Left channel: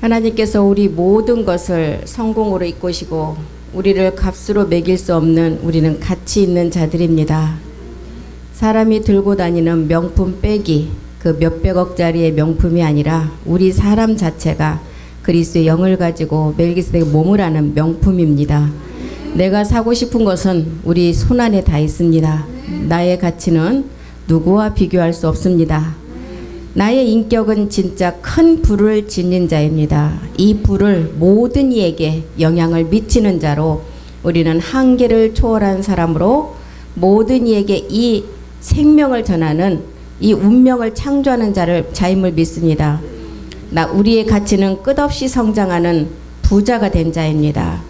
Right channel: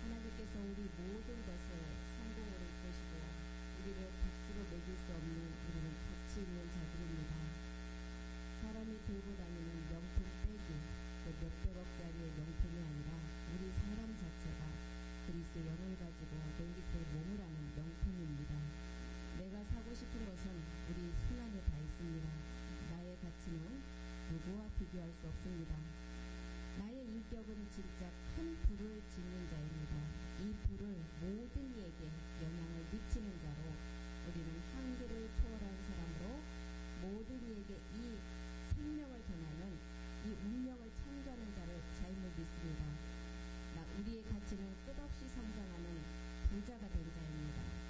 하나님께서 우리 모든 것을 성공으로 이끄시고 우리를 값으로 매길 수 없는 우리는 가치 있는 자들입니다. 사람이 들고 다니는 명품 빼기, 그 몇백억짜리의 명품이 아니라 우리 사람 자체가 그리스도의 영을 가지고 멜기세덱 몸을 하는 명품입니다. 내가 사고 싶은 것은 우리 손안에 다 있습니다. 나의 가치는 누구와 비교할 수 없습니다. 나의 인격은 진짜 큰 불을 지닌 자입니다. 이 불을 모든 이에게 영향을 미치는 자로 우리는 한계를 초월한 사람으로 모든 이에게 이 생명을 전하는 이 운명을 창조하는 자임을 믿습니다. 우리의 가치는 끝없이 성장하는 부자가 된 자입니다.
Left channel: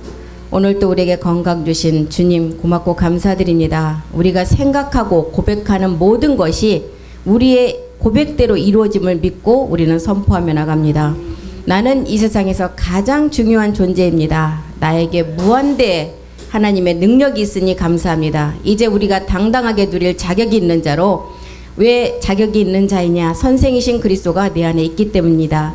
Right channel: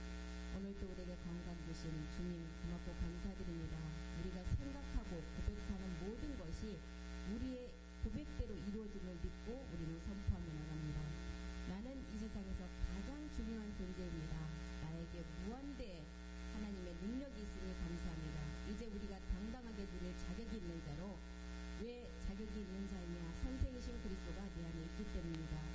오늘 또 우리에게 건강 주신 주님 고맙고 감사드립니다. 우리가 생각하고 고백하는 모든 것이 우리의 고백대로 이루어짐을 믿고 우리는 선포하며 나갑니다. 나는 이 세상에서 가장 중요한 존재입니다. 나에게 무한대 하나님의 능력이 있으니 감사합니다. 이제 우리가 당당하게 누릴 자격이 있는 자로, 왜 자격이 있는 자이냐? 선생이신 그리스도가 내 안에 있기 때문입니다.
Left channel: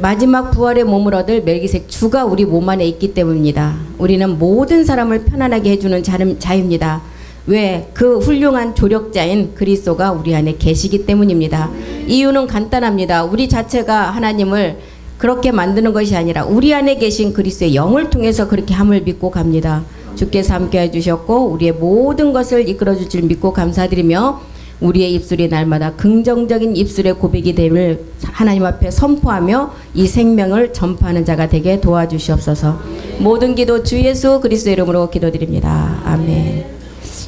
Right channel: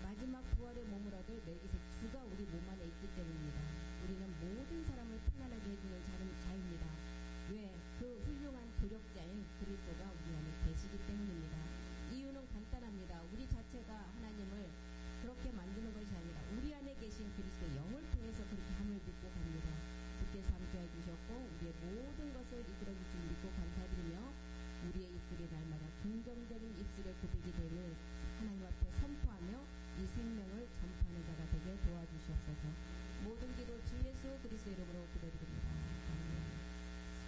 마지막 부활의 몸을 얻을 멜기세덱 주가 우리 몸 안에 있기 때문입니다. 우리는 모든 사람을 편안하게 해주는 자입니다. 왜? 그 훌륭한 조력자인 그리스도가 우리 안에 계시기 때문입니다. 이유는 간단합니다. 우리 자체가 하나님을 그렇게 만드는 것이 아니라 우리 안에 계신 그리스도의 영을 통해서 그렇게 함을 믿고 갑니다. 주께서 함께 해주셨고 우리의 모든 것을 이끌어 줄 믿고 감사드리며 우리의 입술이 날마다 긍정적인 입술의 고백이 됨을 하나님 앞에 선포하며 이 생명을 전파하는 자가 되게 도와주시옵소서. 모든 기도 주 예수 그리스도의 이름으로 기도드립니다. 아멘.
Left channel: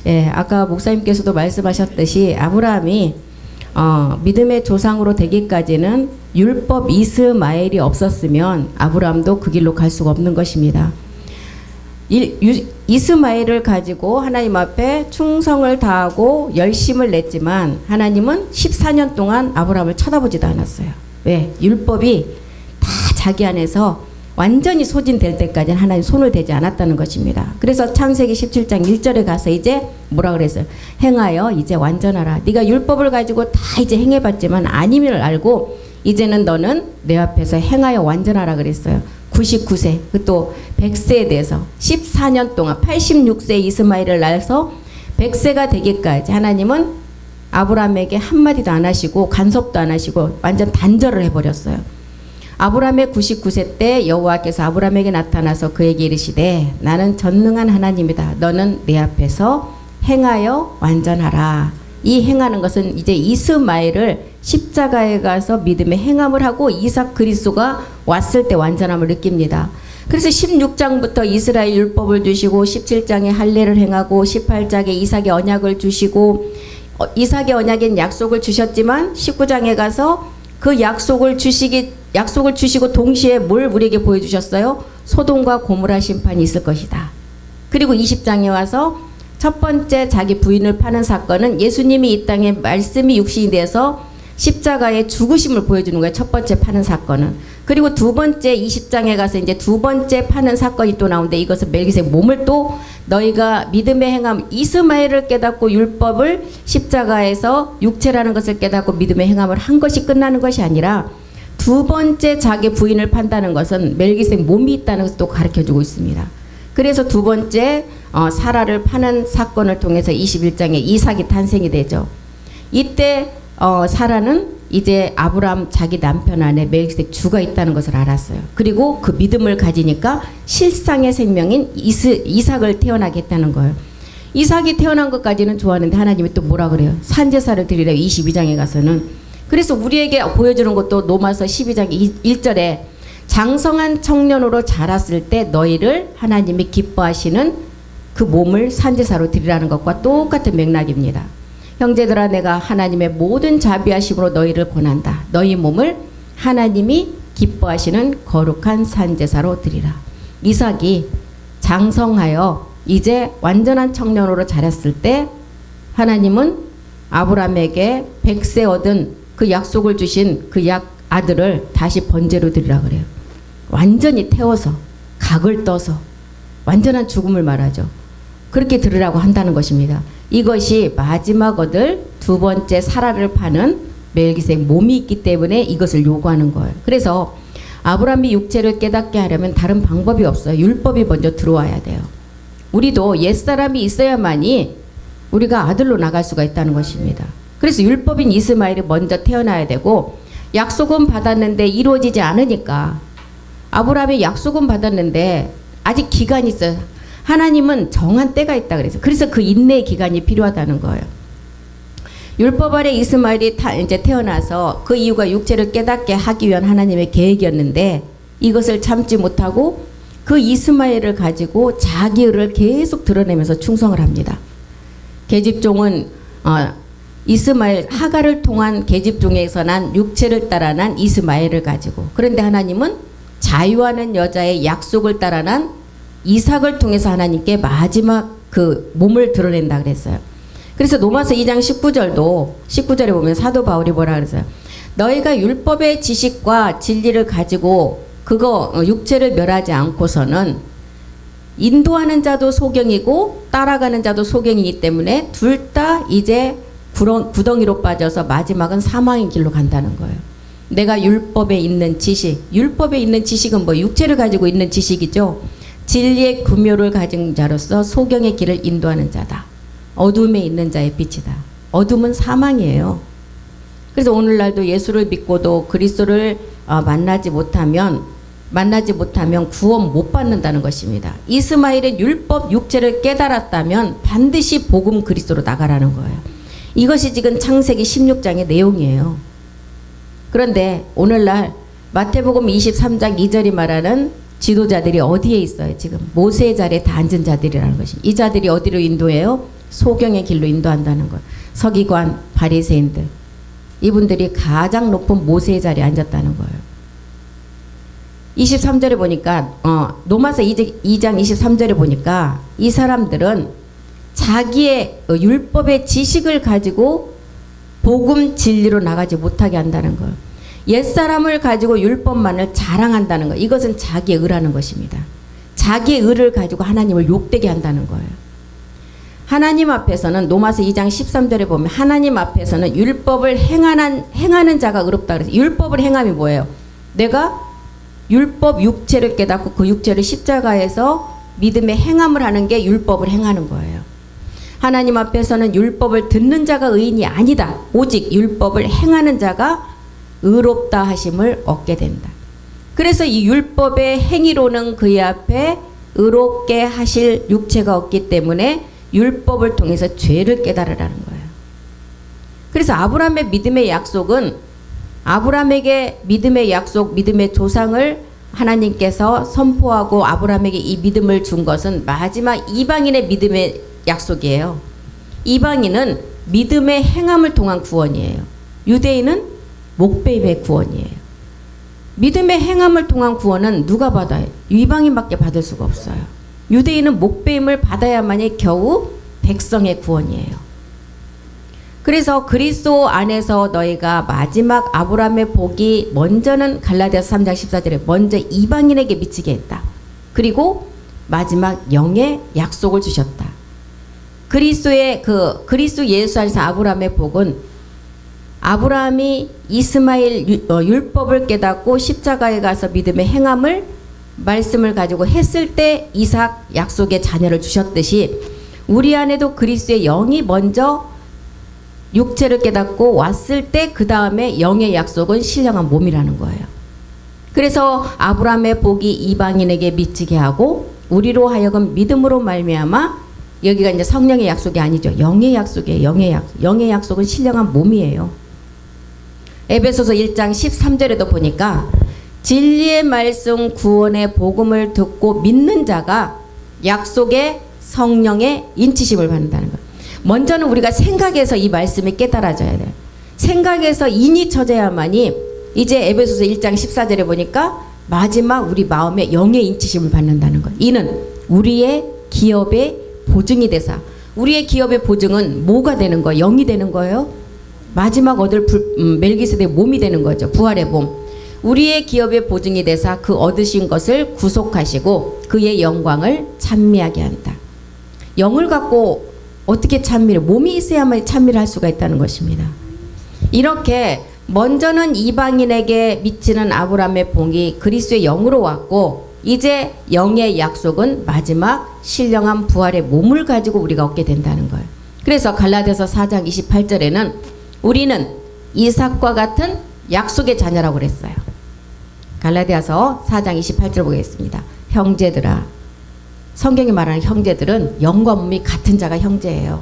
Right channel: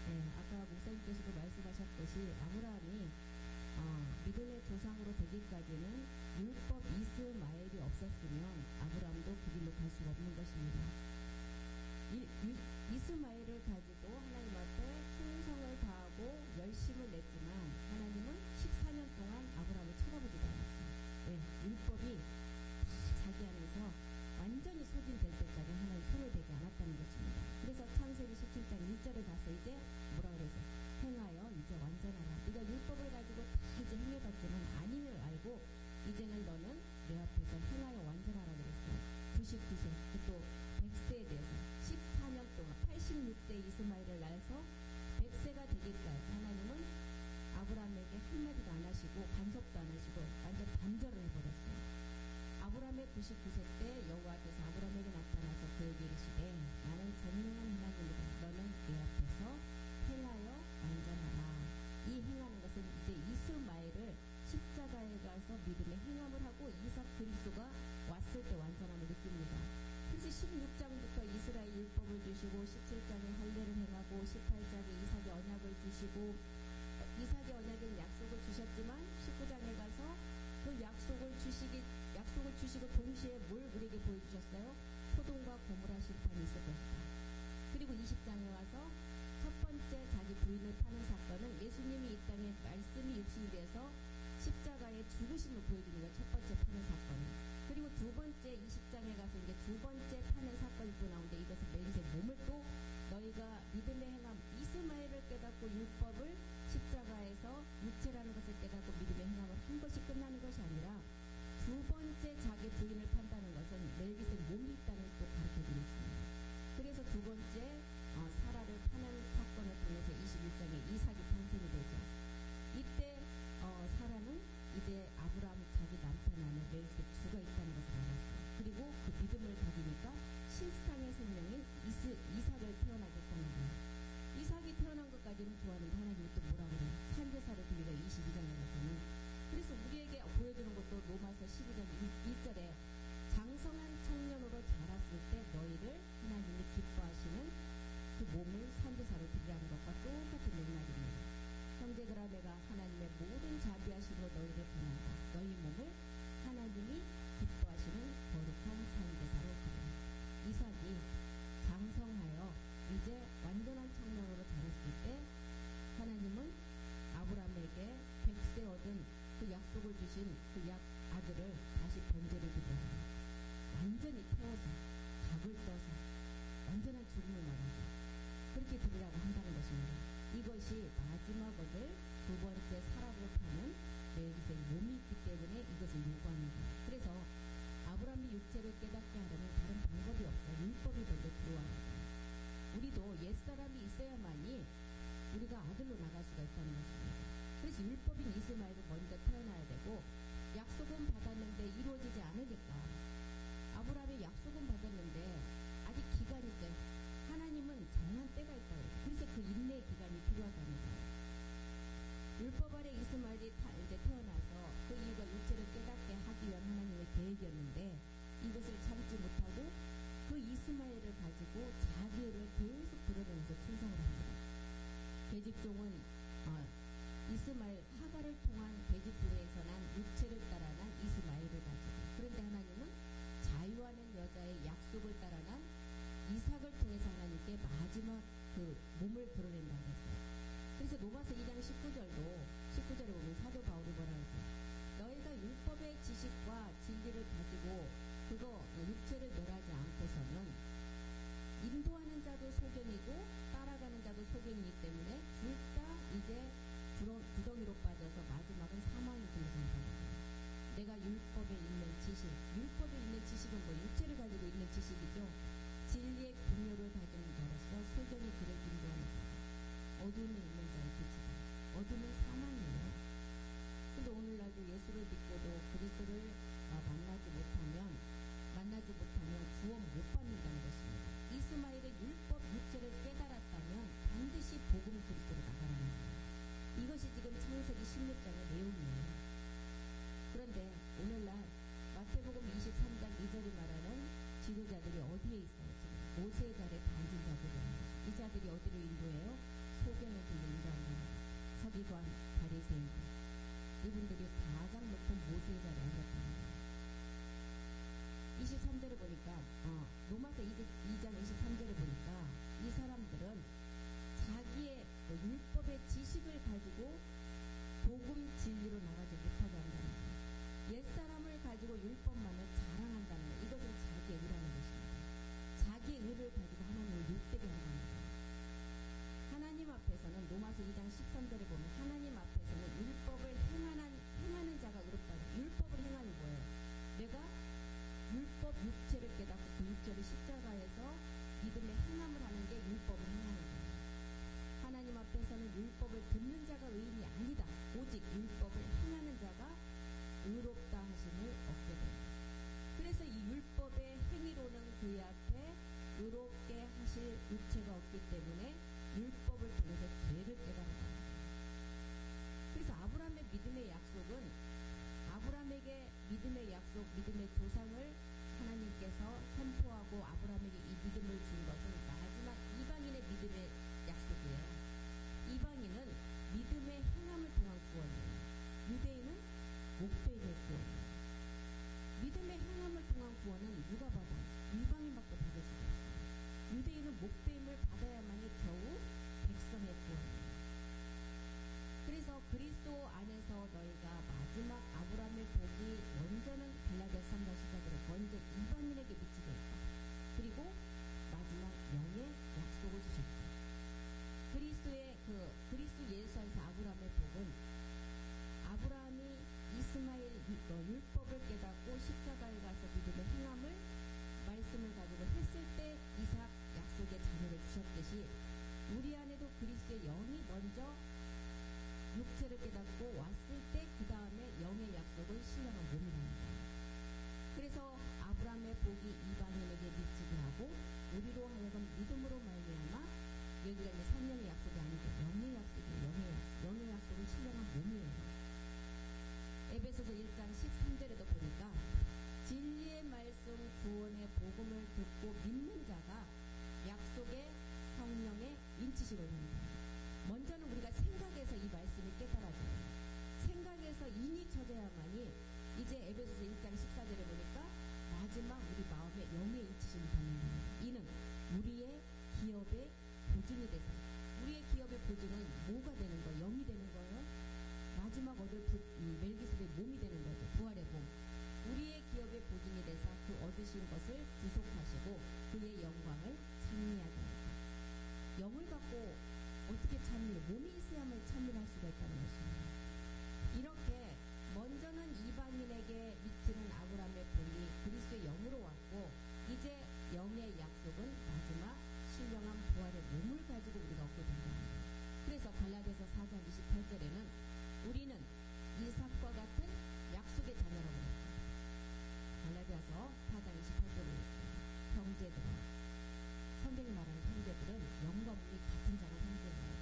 예, 아까 목사님께서도 말씀하셨듯이 아브라함이 믿음의 조상으로 되기까지는 율법 이스마엘이 없었으면 아브라함도 그 길로 갈 수가 없는 것입니다. 이스마엘을 가지고 하나님 앞에 충성을 다하고 열심을 냈지만 하나님은 14년 동안 아브라함을 쳐다보지도 않았어요. 왜? 율법이 다 자기 안에서 완전히 소진될 때까지는 하나님 손을 대지 않았다는 것입니다. 그래서 창세기 17장 1절에 가서 이제 뭐라 그랬어요? 행하여 이제 완전하라. 네가 율법을 가지고 다 이제 행해봤지만 아님을 알고 이제는 너는 내 앞에서 행하여 완전하라 그랬어요. 99세, 또 100세에 대해서 14년 동안 86세 이스마엘을 낳아서 100세가 되기까지 하나님은 아브라함에게 한마디도 안 하시고 간섭도 안 하시고 완전 단절을 해버렸어요. 아브라함의 99세 때 여호와께서 아브라함에게 나타나서 그에게 이르시되 나는 전능한 하나님이다. 너는 내 앞에서 행하여 완전하라. 이 행하는 것은 이제 이스마엘을 십자가에 가서 믿음의 행함을 하고 이삭 그리스도가 왔을 때 완전함을 느낍니다. 그래서 16장부터 이스라엘 율법을 주시고 17장에 할례를 행하고 18장에 이삭의 언약을 주시고 이삭의 언약엔 약속을 주셨지만 19장에 가서 그 약속을 주시고 동시에 뭘 우리에게 보여주셨어요? 소돔과 고모라 심판이 있을 것이다. 그리고 20장에 와서 첫 번째 자기 부인을 파는 사건은 예수님이 이 땅에 말씀이 육신이 돼서 십자가의 죽으심을 보여주는 거예요. 첫 번째 파는 사건은. 그리고 두 번째 20장에 가서 이제 두 번째 파는 사건이 또 나오는데 이것은 멜기세덱 몸을 또 너희가 믿음의 행함 이스마엘을 깨닫고 율법을 십자가에서 육체라는 것을 깨닫고 믿음의 행함을 한 것이 끝나는 것이 아니라 두 번째 자기 부인을 판다는 것은 멜기세덱 몸이 있다는 것을 또 가르쳐주고 있습니다. 그래서 두 번째 사라를 파는 사건을 통해서 21장에 이삭이 탄생이 되죠. 이때 사라는 이제 아브라함 자기 남편 안에 멜기세덱 주가 있다는 것을 알았어요. 그리고 그 믿음을 가지니까 실상의 생명인 이삭을 태어나게 했다는 거예요. 이삭이 태어난 것까지는 좋았는데 하나님이 또 뭐라 그래요? 산제사를 드리래요. 22장에 가서는. 그래서 우리에게 보여주는 것도 로마서 12장 1절에 장성한 청년으로 자랐을 때 너희를 하나님이 기뻐하시는 그 몸을 산제사로 드리라는 것과 똑같은 맥락입니다. 형제들아 내가 하나님의 모든 자비하심으로 너희를 권한다. 너희 몸을 하나님이 기뻐하시는 거룩한 산제사로 드리라. 이삭이 장성하여 이제 완전한 청년으로 자랐을 때 하나님은 아브라함에게 100세 얻은 그 약속을 주신 그 아들을 다시 번제로 드리라 그래요. 완전히 태워서 각을 떠서 완전한 죽음을 말하죠. 그렇게 들으라고 한다는 것입니다. 이것이 마지막 얻을 두 번째 사라를 파는 멜기세덱 몸이 있기 때문에 이것을 요구하는 거예요. 그래서 아브라함이 육체를 깨닫게 하려면 다른 방법이 없어요. 율법이 먼저 들어와야 돼요. 우리도 옛사람이 있어야만이 우리가 아들로 나갈 수가 있다는 것입니다. 그래서 율법인 이스마엘이 먼저 태어나야 되고, 약속은 받았는데 이루어지지 않으니까, 아브라함이 약속은 받았는데 아직 기간이 있어요. 하나님은 정한 때가 있다 그래서 그 인내의 기간이 필요하다는 거예요. 율법 아래 이스마엘이 이제 태어나서 그 이유가 육체를 깨닫게 하기 위한 하나님의 계획이었는데, 이것을 참지 못하고 그 이스마엘을 가지고 자기 의를 계속 드러내면서 충성을 합니다. 계집종은 이스마엘, 하갈을 통한 계집종에서 난 육체를 따라 난 이스마엘을 가지고, 그런데 하나님은 자유하는 여자의 약속을 따라 난 이삭을 통해서 하나님께 마지막 그 몸을 드러낸다 그랬어요. 그래서 로마서 2장 19절에 보면 사도 바울이 뭐라 그랬어요? 너희가 율법의 지식과 진리를 가지고 그거 육체를 멸하지 않고서는 인도하는 자도 소경이고 따라가는 자도 소경이기 때문에 둘 다 이제 구덩이로 빠져서 마지막은 사망의 길로 간다는 거예요. 내가 율법에 있는 지식, 율법에 있는 지식은 뭐 육체를 가지고 있는 지식이죠. 진리의 구묘를 가진 자로서 소경의 길을 인도하는 자다. 어둠에 있는 자의 빛이다. 어둠은 사망이에요. 그래서 오늘날도 예수를 믿고도 그리스도를 만나지 못하면 구원 못 받는다는 것입니다. 이스마엘은 율법 육체를 깨달았다면 반드시 복음 그리스도로 나가라는 거예요. 이것이 지금 창세기 16장의 내용이에요. 그런데 오늘날 마태복음 23장 2절이 말하는 지도자들이 어디에 있어요? 지금 모세의 자리에 다 앉은 자들이라는 것입니다. 이 자들이 어디로 인도해요? 소경의 길로 인도한다는 거예요. 서기관, 바리새인들, 이분들이 가장 높은 모세의 자리에 앉았다는 거예요. 23절에 보니까 로마서 2장 23절에 보니까 이 사람들은 자기의 율법의 지식을 가지고 복음 진리로 나가지 못하게 한다는 거예요. 옛사람을 가지고 율법만을 자랑한다는 거예요. 이것은 자기의 의라는 것입니다. 자기의 의를 가지고 하나님을 욕되게 한다는 거예요. 하나님 앞에서는 로마서 2장 13절에 보면 하나님 앞에서는 율법을 행하는 자가 의롭다 그래서, 율법을 행함이 뭐예요? 내가 율법 육체를 깨닫고 그 육체를 십자가에서 믿음의 행함을 하는 게 율법을 행하는 거예요. 하나님 앞에서는 율법을 듣는 자가 의인이 아니다. 오직 율법을 행하는 자가 의롭다 하심을 얻게 된다. 그래서 이 율법의 행위로는 그의 앞에 의롭게 하실 육체가 없기 때문에 율법을 통해서 죄를 깨달으라는 거예요. 그래서 아브라함의 믿음의 약속은, 아브라함에게 믿음의 약속, 믿음의 조상을 하나님께서 선포하고 아브라함에게 이 믿음을 준 것은 마지막 이방인의 믿음의 약속이에요. 이방인은 믿음의 행함을 통한 구원이에요. 유대인은 목배임의 구원이에요. 믿음의 행함을 통한 구원은 누가 받아요? 이방인밖에 받을 수가 없어요. 유대인은 목배임을 받아야만이 겨우 백성의 구원이에요. 그래서 그리스도 안에서 너희가 마지막 아브라함의 복이 먼저는 갈라디아서 3장 14절에 먼저 이방인에게 미치게 했다. 그리고 마지막 영의 약속을 주셨다. 그리스도 예수 안에서 아브라함의 복은 아브라함이 이스마엘 율법을 깨닫고 십자가에 가서 믿음의 행함을 말씀을 가지고 했을 때 이삭 약속의 자녀를 주셨듯이 우리 안에도 그리스도의 영이 먼저 육체를 깨닫고 왔을 때 그 다음에 영의 약속은 신령한 몸이라는 거예요. 그래서 아브라함의 복이 이방인에게 미치게 하고 우리로 하여금 믿음으로 말미암아, 여기가 이제 성령의 약속이 아니죠. 영의 약속이에요. 영의 약속은 신령한 몸이에요. 에베소서 1장 13절에도 보니까 진리의 말씀 구원의 복음을 듣고 믿는 자가 약속의 성령의 인치심을 받는다는 거예요. 먼저는 우리가 생각에서 이 말씀이 깨달아져야 돼요. 생각에서 인이 쳐져야만이 이제 에베소서 1장 14절에 보니까 마지막 우리 마음에 영의 인치심을 받는다는 거예요. 이는 우리의 기업의 보증이 되사. 우리의 기업의 보증은 뭐가 되는 거예요? 영이 되는 거예요? 마지막 얻을 멜기세덱의 몸이 되는 거죠. 부활의 몸. 우리의 기업의 보증이 되사 그 얻으신 것을 구속하시고 그의 영광을 찬미하게 한다. 영을 갖고 어떻게 찬미를, 몸이 있어야만 찬미를 할 수가 있다는 것입니다. 이렇게 먼저는 이방인에게 미치는 아브라함의 봉이 그리스도의 영으로 왔고 이제 영의 약속은 마지막 신령한 부활의 몸을 가지고 우리가 얻게 된다는 거예요. 그래서 갈라디아서 4장 28절에는 우리는 이삭과 같은 약속의 자녀라고 그랬어요. 갈라디아서 4장 28절 보겠습니다. 형제들아, 성경이 말하는 형제들은 영과 몸이 같은 자가 형제예요.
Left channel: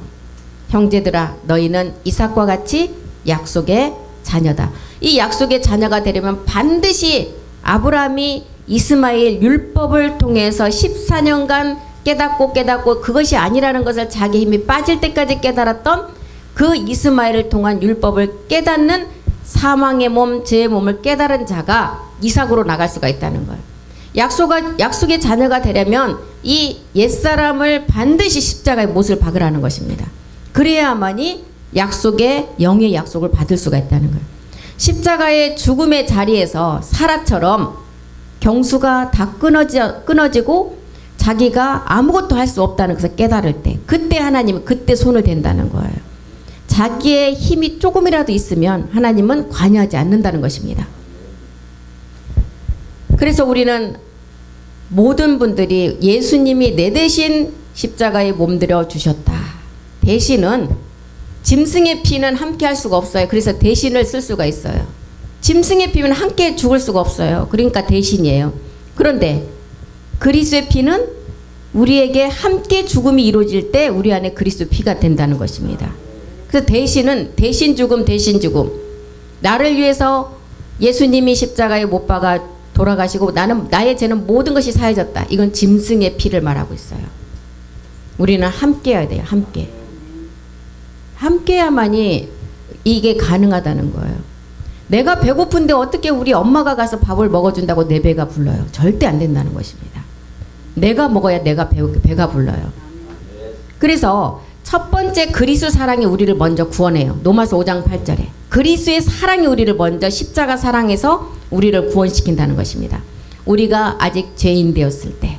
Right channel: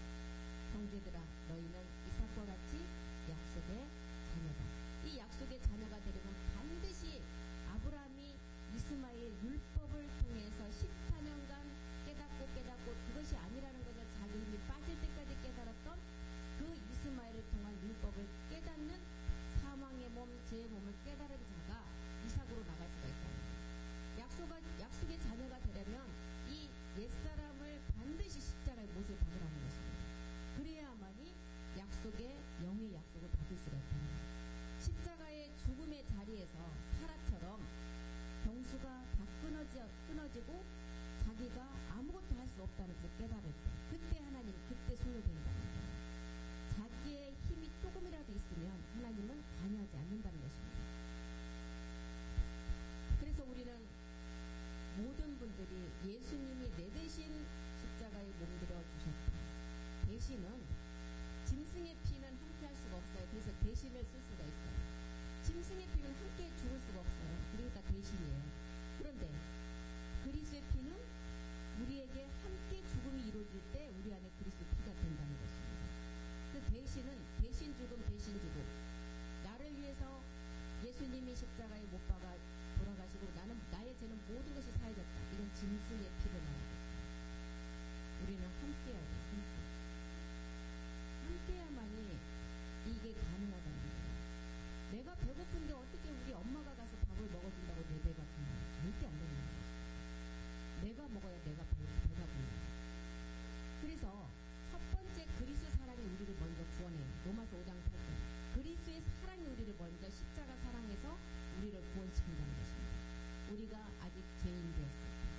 형제들아, 너희는 이삭과 같이 약속의 자녀다. 이 약속의 자녀가 되려면 반드시 아브라함이 이스마엘 율법을 통해서 14년간 깨닫고 그것이 아니라는 것을 자기 힘이 빠질 때까지 깨달았던 그 이스마엘을 통한 율법을 깨닫는 사망의 몸, 죄의 몸을 깨달은 자가 이삭으로 나갈 수가 있다는 거예요. 약속의 자녀가 되려면 이 옛사람을 반드시 십자가의 못을 박으라는 것입니다. 그래야만이 약속의 영의 약속을 받을 수가 있다는 거예요. 십자가의 죽음의 자리에서 사라처럼 경수가 다 끊어지고 자기가 아무것도 할 수 없다는 것을 깨달을 때, 그때 하나님은 그때 손을 댄다는 거예요. 자기의 힘이 조금이라도 있으면 하나님은 관여하지 않는다는 것입니다. 그래서 우리는 모든 분들이 예수님이 내 대신 십자가에 몸들여 주셨다. 대신은 짐승의 피는 함께 할 수가 없어요. 그래서 대신을 쓸 수가 있어요. 짐승의 피는 함께 죽을 수가 없어요. 그러니까 대신이에요. 그런데 그리스도의 피는 우리에게 함께 죽음이 이루어질 때 우리 안에 그리스도 피가 된다는 것입니다. 그래서 대신은 대신 죽음. 나를 위해서 예수님이 십자가에 못 박아 돌아가시고 나의 죄는 모든 것이 사해졌다. 이건 짐승의 피를 말하고 있어요. 우리는 함께 해야 돼요. 함께 해야만이 이게 가능하다는 거예요. 내가 배고픈데 어떻게 우리 엄마가 가서 밥을 먹어준다고 내 배가 불러요? 절대 안 된다는 것입니다. 내가 먹어야 내가 배가 불러요. 그래서 첫 번째 그리스도 사랑이 우리를 먼저 구원해요. 로마서 5장 8절에 그리스도의 사랑이 우리를 먼저 십자가 사랑해서 우리를 구원시킨다는 것입니다. 우리가 아직 죄인 되었을 때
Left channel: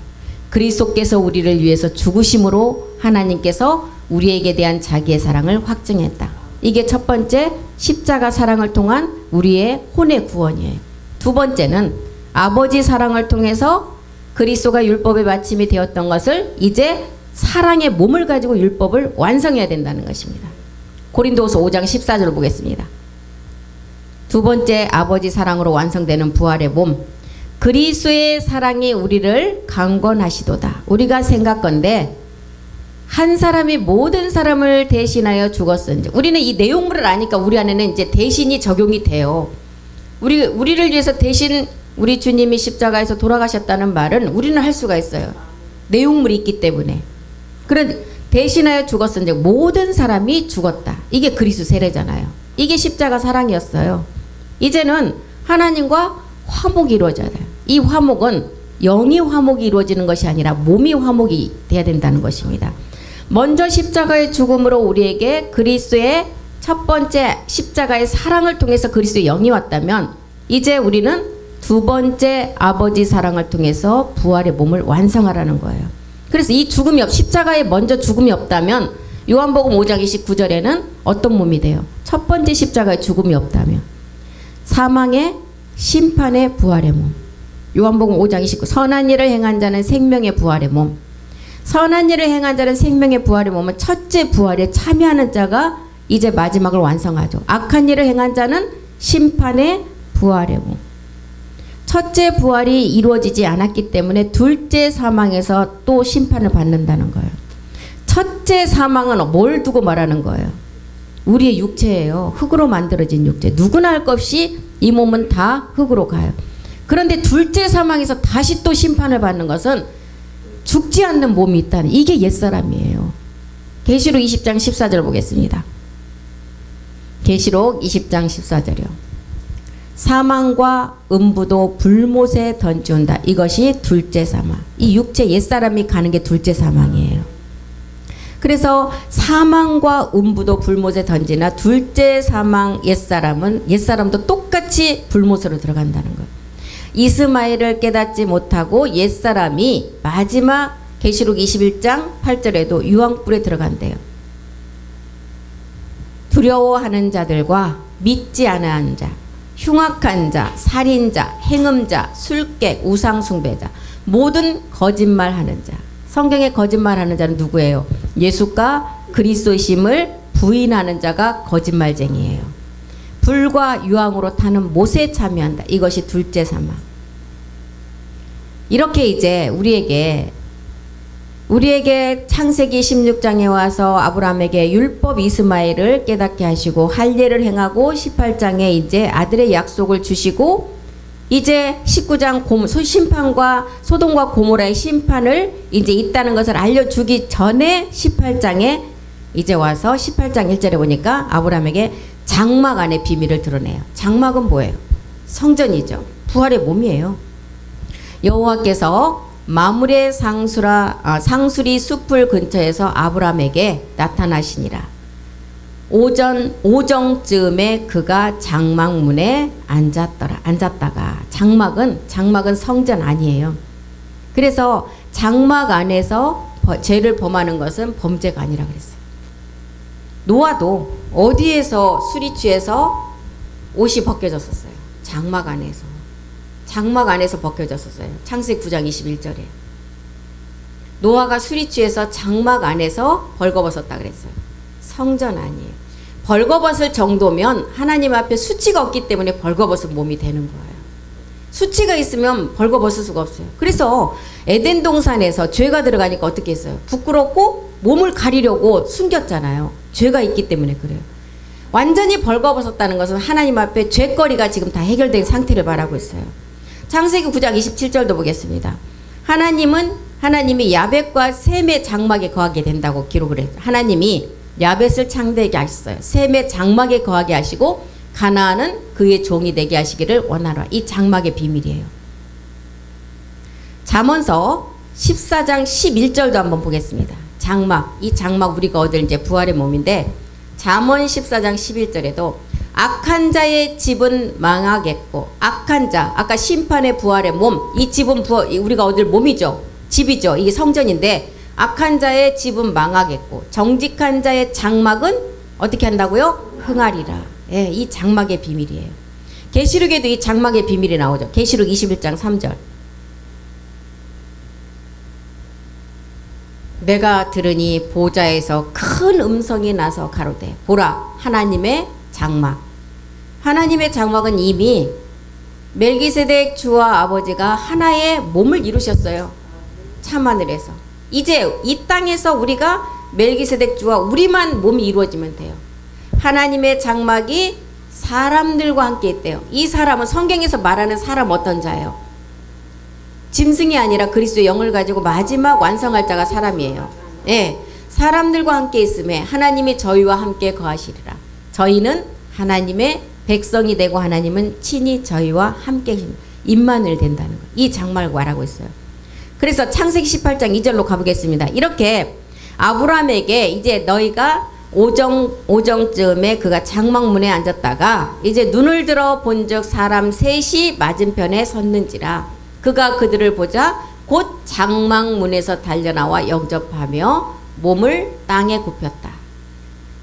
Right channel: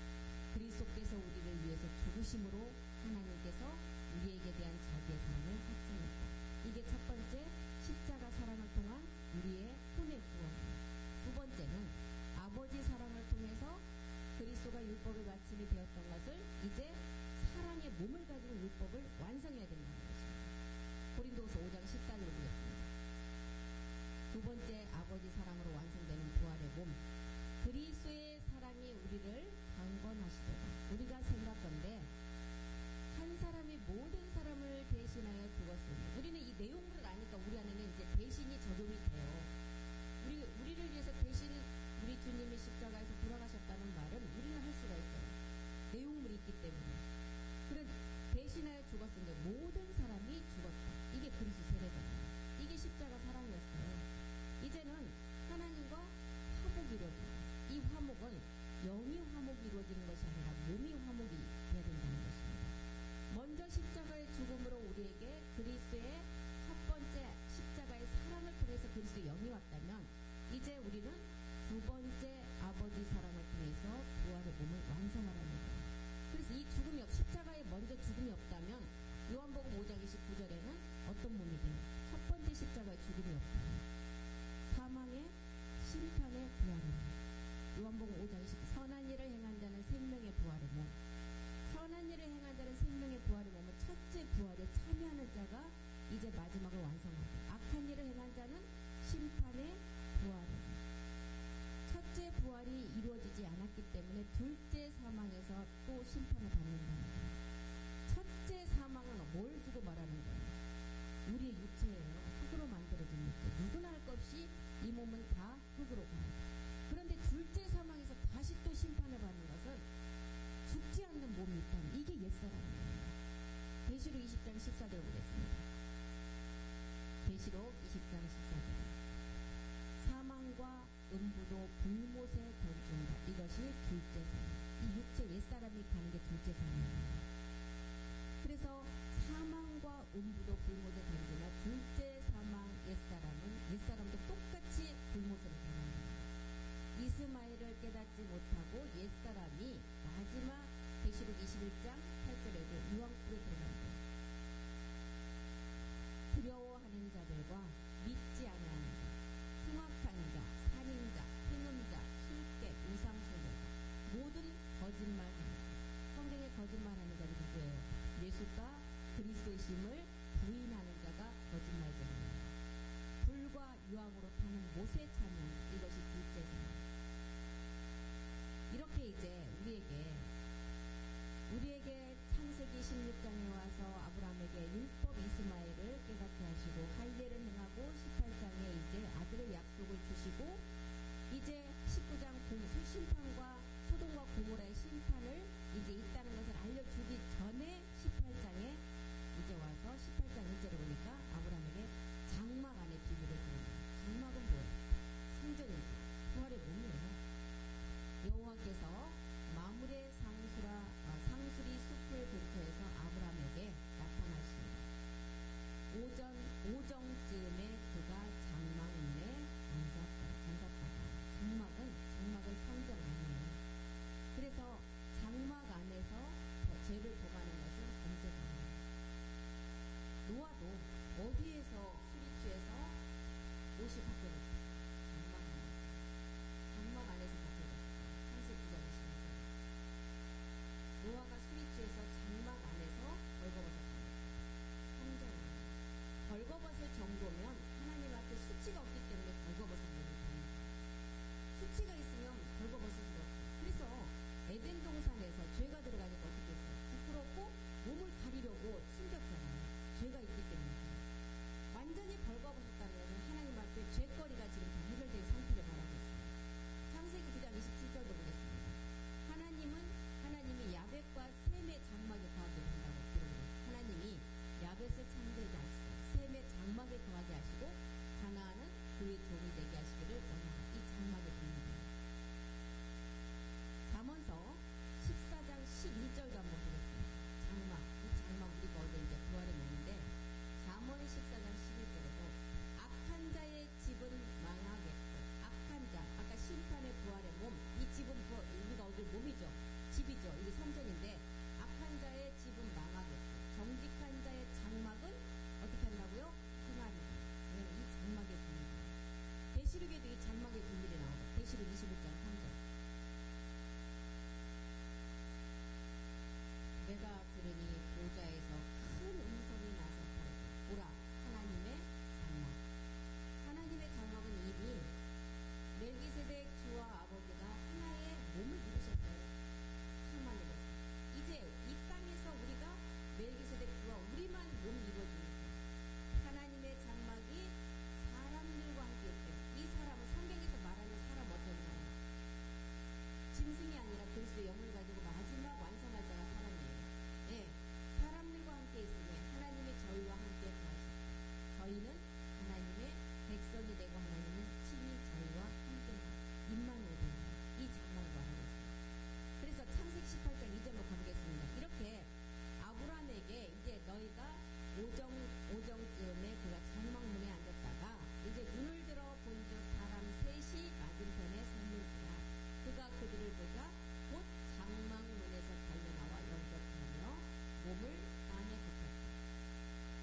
그리스도께서 우리를 위해서 죽으심으로 하나님께서 우리에게 대한 자기의 사랑을 확증했다. 이게 첫 번째 십자가 사랑을 통한 우리의 혼의 구원이에요. 두 번째는 아버지 사랑을 통해서 그리스도가 율법의 마침이 되었던 것을 이제 사랑의 몸을 가지고 율법을 완성해야 된다는 것입니다. 고린도후서 5장 14절 보겠습니다. 두 번째 아버지 사랑으로 완성되는 부활의 몸, 그리스도의 사랑이 우리를 강권하시도다. 우리가 생각건대 한 사람이 모든 사람을 대신하여 죽었은지, 우리는 이 내용물을 아니까 우리 안에는 이제 대신이 적용이 돼요. 우리를 위해서 대신 우리 주님이 십자가에서 돌아가셨다는 말은 우리는 할 수가 있어요. 내용물이 있기 때문에. 그런 대신하여 죽었은지 모든 사람이 죽었다. 이게 그리스도 세례잖아요. 이게 십자가 사랑이었어요. 이제는 하나님과 화목이 이루어져야 돼요. 이 화목은 영이 화목이 이루어지는 것이 아니라 몸이 화목이 돼야 된다는 것입니다. 먼저 십자가의 죽음으로 우리에게 그리스도의 첫 번째 십자가의 사랑을 통해서 그리스도의 영이 왔다면 이제 우리는 두 번째 아버지 사랑을 통해서 부활의 몸을 완성하라는 거예요. 그래서 이 죽음이 십자가에 먼저 죽음이 없다면 요한복음 5장 29절에는 어떤 몸이 돼요? 첫 번째 십자가에 죽음이 없다면 사망의 심판의 부활의 몸. 요한복음 5장 29 선한 일을 행한 자는 생명의 부활의 몸. 선한 일을 행한 자는 생명의 부활의 몸은 첫째 부활에 참여하는 자가 이제 마지막을 완성하죠. 악한 일을 행한 자는 심판의 부활의 몸. 첫째 부활이 이루어지지 않았기 때문에 둘째 사망에서 또 심판을 받는다는 거예요. 첫째 사망은 뭘 두고 말하는 거예요? 우리의 육체예요. 흙으로 만들어진 육체. 누구나 할 것 없이 이 몸은 다 흙으로 가요. 그런데 둘째 사망에서 다시 또 심판을 받는 것은 죽지 않는 몸이 있다는, 이게 옛사람이에요. 계시록 20장 14절 보겠습니다. 계시록 20장 14절이요. 사망과 음부도 불못에 던지온다. 이것이 둘째 사망. 이 육체 옛사람이 가는 게 둘째 사망이에요. 그래서 사망과 음부도 불못에 던지나 둘째 사망 옛사람도 똑같이 불못으로 들어간다는 거예요. 이스마엘을 깨닫지 못하고 옛사람이 마지막 계시록 21장 8절에도 유황불에 들어간대요. 두려워하는 자들과 믿지 않은 자, 흉악한 자, 살인자, 행음자, 술객, 우상숭배자, 모든 거짓말하는 자. 성경에 거짓말하는 자는 누구예요? 예수가 그리스도이심을 부인하는 자가 거짓말쟁이에요. 불과 유황으로 타는 못에 참여한다. 이것이 둘째 사망. 이렇게 이제 우리에게 창세기 16장에 와서 아브라함에게 율법 이스마엘을 깨닫게 하시고 할례를 행하고 18장에 이제 아들의 약속을 주시고 이제 19장 심판과 소돔과 고모라의 심판을 이제 있다는 것을 알려주기 전에 18장에 이제 와서 18장 1절에 보니까 아브라함에게 장막 안의 비밀을 드러내요. 장막은 뭐예요? 성전이죠. 부활의 몸이에요. 여호와께서 마므레 상수리 숲을 근처에서 아브라함에게 나타나시니라. 오정쯤에 그가 장막문에 앉았다가 장막은 성전 아니에요. 그래서 장막 안에서 죄를 범하는 것은 범죄가 아니라 그랬어요. 노아도 어디에서 술이 취해서 옷이 벗겨졌었어요. 장막 안에서 벗겨졌었어요. 창세기 9장 21절에 노아가 술이 취해서 장막 안에서 벌거벗었다 그랬어요. 성전 아니에요. 벌거벗을 정도면 하나님 앞에 수치가 없기 때문에 벌거벗은 몸이 되는 거예요. 수치가 있으면 벌거벗을 수가 없어요. 그래서 에덴 동산에서 죄가 들어가니까 어떻게 했어요? 부끄럽고 몸을 가리려고 숨겼잖아요. 죄가 있기 때문에 그래요. 완전히 벌거벗었다는 것은 하나님 앞에 죄거리가 지금 다 해결된 상태를 말하고 있어요. 창세기 9장 27절도 보겠습니다. 하나님이 야벳과 셈의 장막에 거하게 된다고 기록을 해요. 하나님이 야벳을 창대하게 하셨어요. 셈의 장막에 거하게 하시고 가나안은 그의 종이 되게 하시기를 원하노라. 이 장막의 비밀이에요. 잠언서 14장 11절도 한번 보겠습니다. 장막, 이 장막 우리가 얻을 이제 부활의 몸인데 잠언 14장 11절에도 악한 자의 집은 망하겠고 악한 자, 아까 심판의 부활의 몸, 이 집은 우리가 얻을 몸이죠. 집이죠. 이게 성전인데 악한 자의 집은 망하겠고 정직한 자의 장막은 어떻게 한다고요? 흥하리라. 예, 이 장막의 비밀이에요. 계시록에도 이 장막의 비밀이 나오죠. 계시록 21장 3절. 내가 들으니 보좌에서 큰 음성이 나서 가로되 보라 하나님의 장막. 하나님의 장막은 이미 멜기세덱 주와 아버지가 하나의 몸을 이루셨어요. 참하늘에서. 이제 이 땅에서 우리가 멜기세덱 주와 우리만 몸이 이루어지면 돼요. 하나님의 장막이 사람들과 함께 있대요. 이 사람은 성경에서 말하는 사람 어떤 자예요? 짐승이 아니라 그리스도의 영을 가지고 마지막 완성할 자가 사람이에요. 예, 사람들과 함께 있음에 하나님이 저희와 함께 거하시리라. 저희는 하나님의 백성이 되고 하나님은 친히 저희와 함께 임마누엘 된다는 거예요. 이 장막을 말하고 있어요. 그래서 창세기 18장 2절로 가보겠습니다. 이렇게 아브라함에게 이제 너희가 오정쯤에 그가 장막문에 앉았다가 이제 눈을 들어 본즉 사람 셋이 맞은편에 섰는지라. 그가 그들을 보자 곧 장막문에서 달려나와 영접하며 몸을 땅에 굽혔다.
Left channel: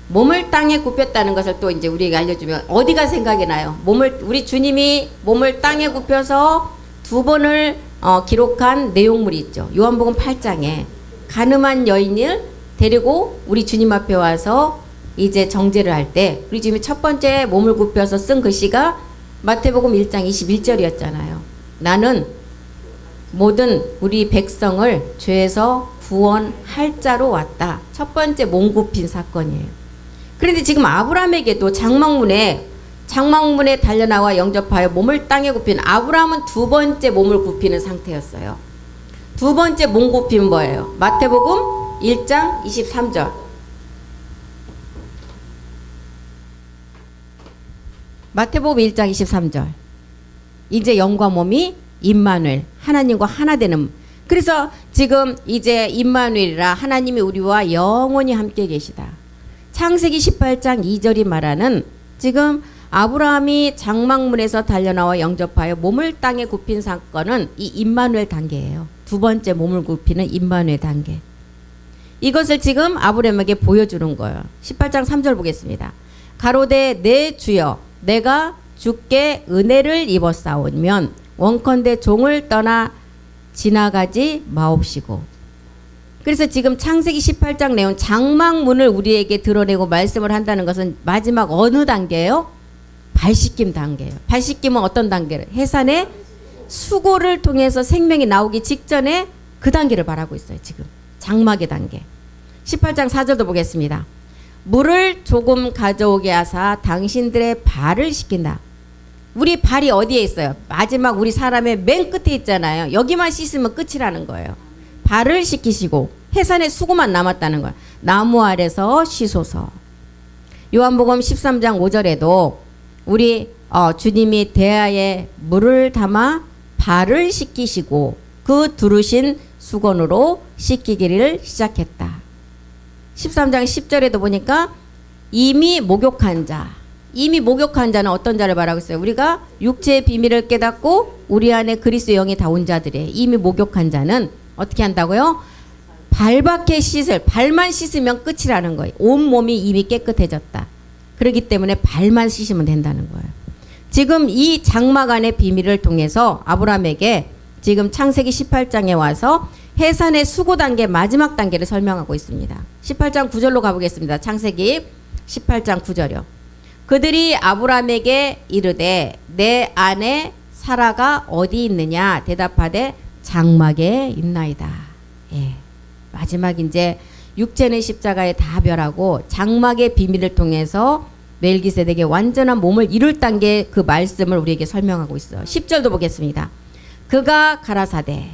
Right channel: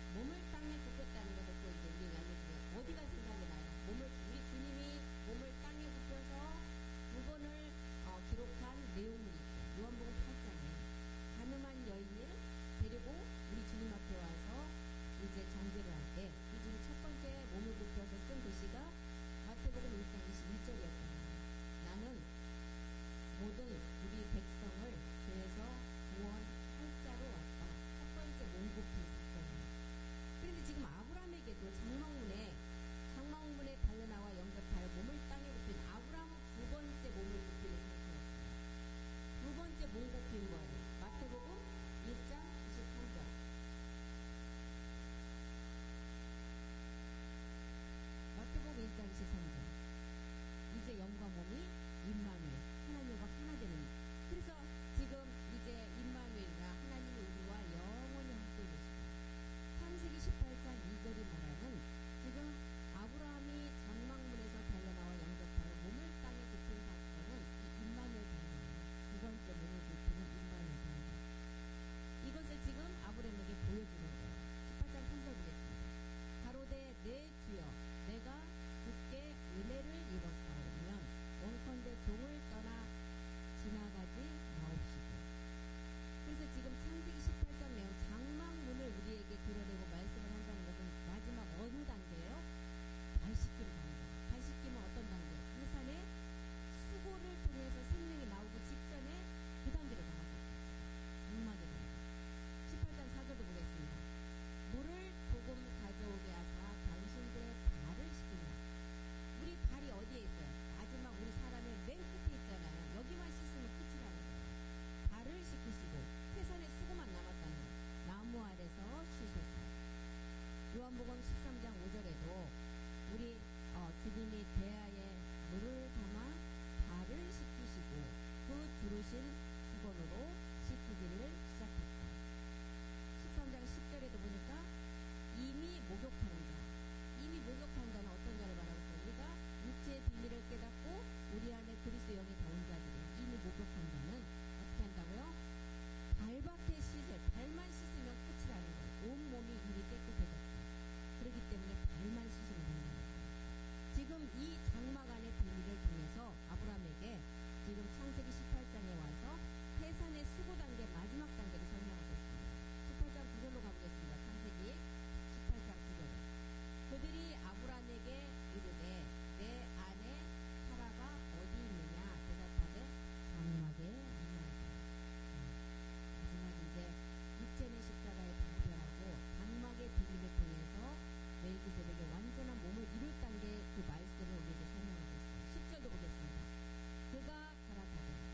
몸을 땅에 굽혔다는 것을 또 이제 우리에게 알려주면 어디가 생각이 나요? 우리 주님이 몸을 땅에 굽혀서 두 번을 기록한 내용물이 있죠. 요한복음 8장에 가늠한 여인을 데리고 우리 주님 앞에 와서 이제 정죄를 할 때 우리 주님이 첫 번째 몸을 굽혀서 쓴 글씨가 마태복음 1장 21절이었잖아요. 나는 모든 우리 백성을 죄에서 구원할 자로 왔다. 첫 번째 몸 굽힌 사건이에요. 그런데 지금 아브라함에게도 장막문에 달려나와 영접하여 몸을 땅에 굽힌 아브라함은 두 번째 몸을 굽히는 상태였어요. 두 번째 몸 굽힌 뭐예요? 마태복음 1장 23절. 마태복음 1장 23절. 이제 영과 몸이 임마누엘, 하나님과 하나 되는. 그래서 지금 이제 임마누엘이라 하나님이 우리와 영원히 함께 계시다. 창세기 18장 2절이 말하는 지금 아브라함이 장막문에서 달려나와 영접하여 몸을 땅에 굽힌 사건은 이 임마누엘 단계예요. 두 번째 몸을 굽히는 임마누엘 단계. 이것을 지금 아브라함에게 보여주는 거예요. 18장 3절 보겠습니다. 가로되 내 주여 내가 주께 은혜를 입었사오면 원컨대 종을 떠나 지나가지 마옵시고. 그래서 지금 창세기 18장 내용 장막문을 우리에게 드러내고 말씀을 한다는 것은 마지막 어느 단계예요? 발씻김 단계예요. 발씻김은 어떤 단계를? 해산의 수고를 통해서 생명이 나오기 직전에 그 단계를 말하고 있어요. 지금 장막의 단계. 18장 4절도 보겠습니다. 물을 조금 가져오게 하사 당신들의 발을 씻긴다. 우리 발이 어디에 있어요? 마지막 우리 사람의 맨 끝에 있잖아요. 여기만 씻으면 끝이라는 거예요. 발을 씻기시고 해산의 수고만 남았다는 거예요. 나무 아래서 씻소서. 요한복음 13장 5절에도 우리 주님이 대야에 물을 담아 발을 씻기시고 그 두르신 수건으로 씻기기를 시작했다. 13장 10절에도 보니까 이미 목욕한 자. 이미 목욕한 자는 어떤 자를 말하고 있어요? 우리가 육체의 비밀을 깨닫고 우리 안에 그리스도의 영이 다 온 자들이에요. 이미 목욕한 자는 어떻게 한다고요? 발밖에 씻을, 발만 씻으면 끝이라는 거예요. 온 몸이 이미 깨끗해졌다. 그렇기 때문에 발만 씻으면 된다는 거예요. 지금 이 장막 안의 비밀을 통해서 아브라함에게 지금 창세기 18장에 와서 해산의 수고 단계 마지막 단계를 설명하고 있습니다. 18장 9절로 가보겠습니다. 창세기 18장 9절이요. 그들이 아브라함에게 이르되 내 아내 사라가 어디 있느냐 대답하되 장막에 있나이다. 예. 마지막 이제 육체는 십자가에 다 멸하고 장막의 비밀을 통해서 멜기세덱의 완전한 몸을 이룰 단계 그 말씀을 우리에게 설명하고 있어요. 10절도 보겠습니다. 그가 가라사대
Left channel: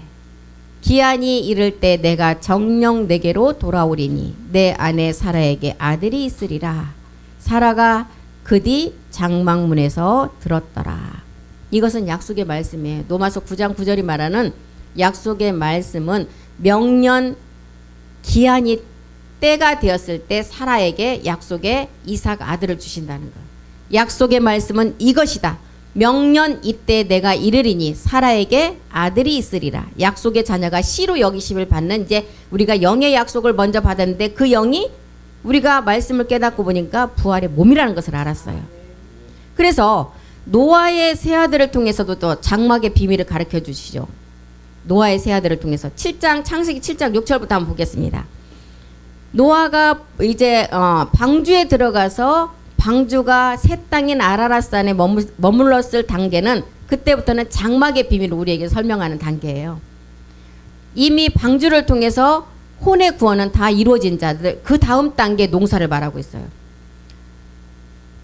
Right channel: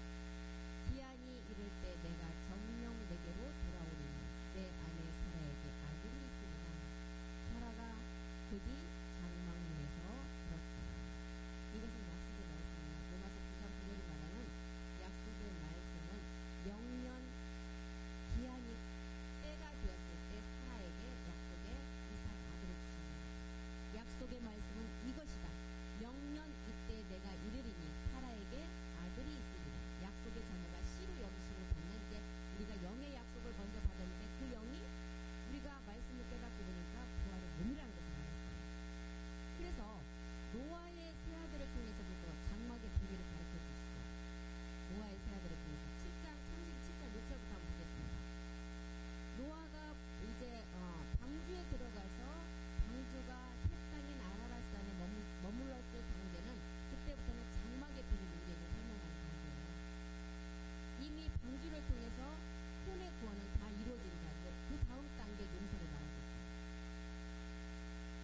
기한이 이를 때 내가 정녕 내게로 돌아오리니 내 아내 사라에게 아들이 있으리라. 사라가 그뒤 장막문에서 들었더라. 이것은 약속의 말씀이에요. 로마서 9장 9절이 말하는 약속의 말씀은 명년 기한이 때가 되었을 때 사라에게 약속의 이삭 아들을 주신다는 거예요. 약속의 말씀은 이것이다. 명년 이때 내가 이르리니 사라에게 아들이 있으리라. 약속의 자녀가 씨로 여기심을 받는 이제 우리가 영의 약속을 먼저 받았는데 그 영이 우리가 말씀을 깨닫고 보니까 부활의 몸이라는 것을 알았어요. 그래서 노아의 세 아들을 통해서도 또 장막의 비밀을 가르쳐 주시죠. 노아의 세 아들을 통해서 창세기 7장 6절부터 한번 보겠습니다. 노아가 이제 방주에 들어가서 방주가 새 땅인 아라랏산에 머물렀을 단계는 그때부터는 장막의 비밀을 우리에게 설명하는 단계예요. 이미 방주를 통해서 혼의 구원은 다 이루어진 자들, 그 다음 단계 농사를 말하고 있어요.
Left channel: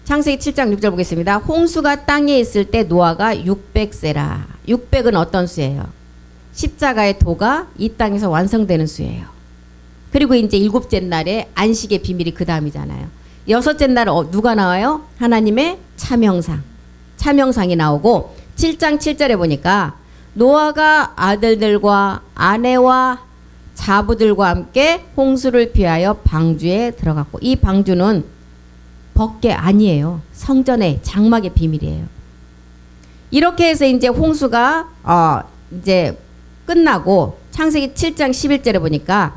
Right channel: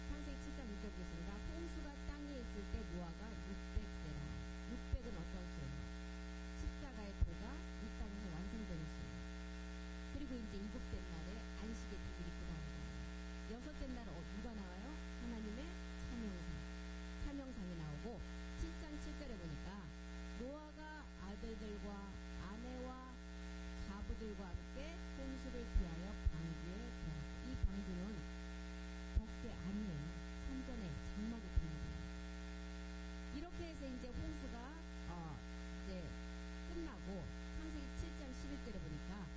창세기 7장 6절 보겠습니다. 홍수가 땅에 있을 때 노아가 600세라. 600은 어떤 수예요? 십자가의 도가 이 땅에서 완성되는 수예요. 그리고 이제 일곱째 날에 안식의 비밀이 그 다음이잖아요. 여섯째 날에 누가 나와요? 하나님의 차명상. 차명상이 나오고 7장 7절에 보니까 노아가 아들들과 아내와 자부들과 함께 홍수를 피하여 방주에 들어갔고, 이 방주는 벗게 아니에요. 성전의 장막의 비밀이에요. 이렇게 해서 이제 홍수가 이제 끝나고 창세기 7장 11절에 보니까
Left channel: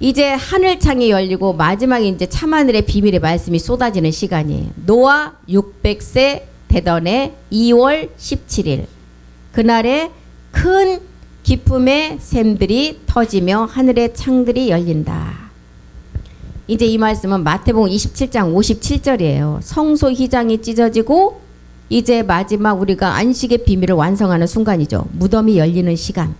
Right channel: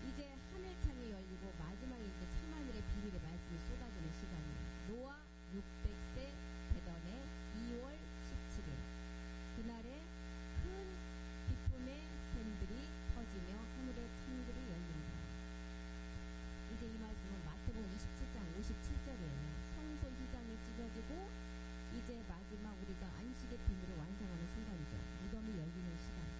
이제 하늘창이 열리고 마지막에 이제 참하늘의 비밀의 말씀이 쏟아지는 시간이에요. 노아 600세 되던 해 2월 17일 그날에 큰 기쁨의 샘들이 터지며 하늘의 창들이 열린다. 이제 이 말씀은 마태복음 27장 57절이에요. 성소 휘장이 찢어지고 이제 마지막 우리가 안식의 비밀을 완성하는 순간이죠. 무덤이 열리는 시간.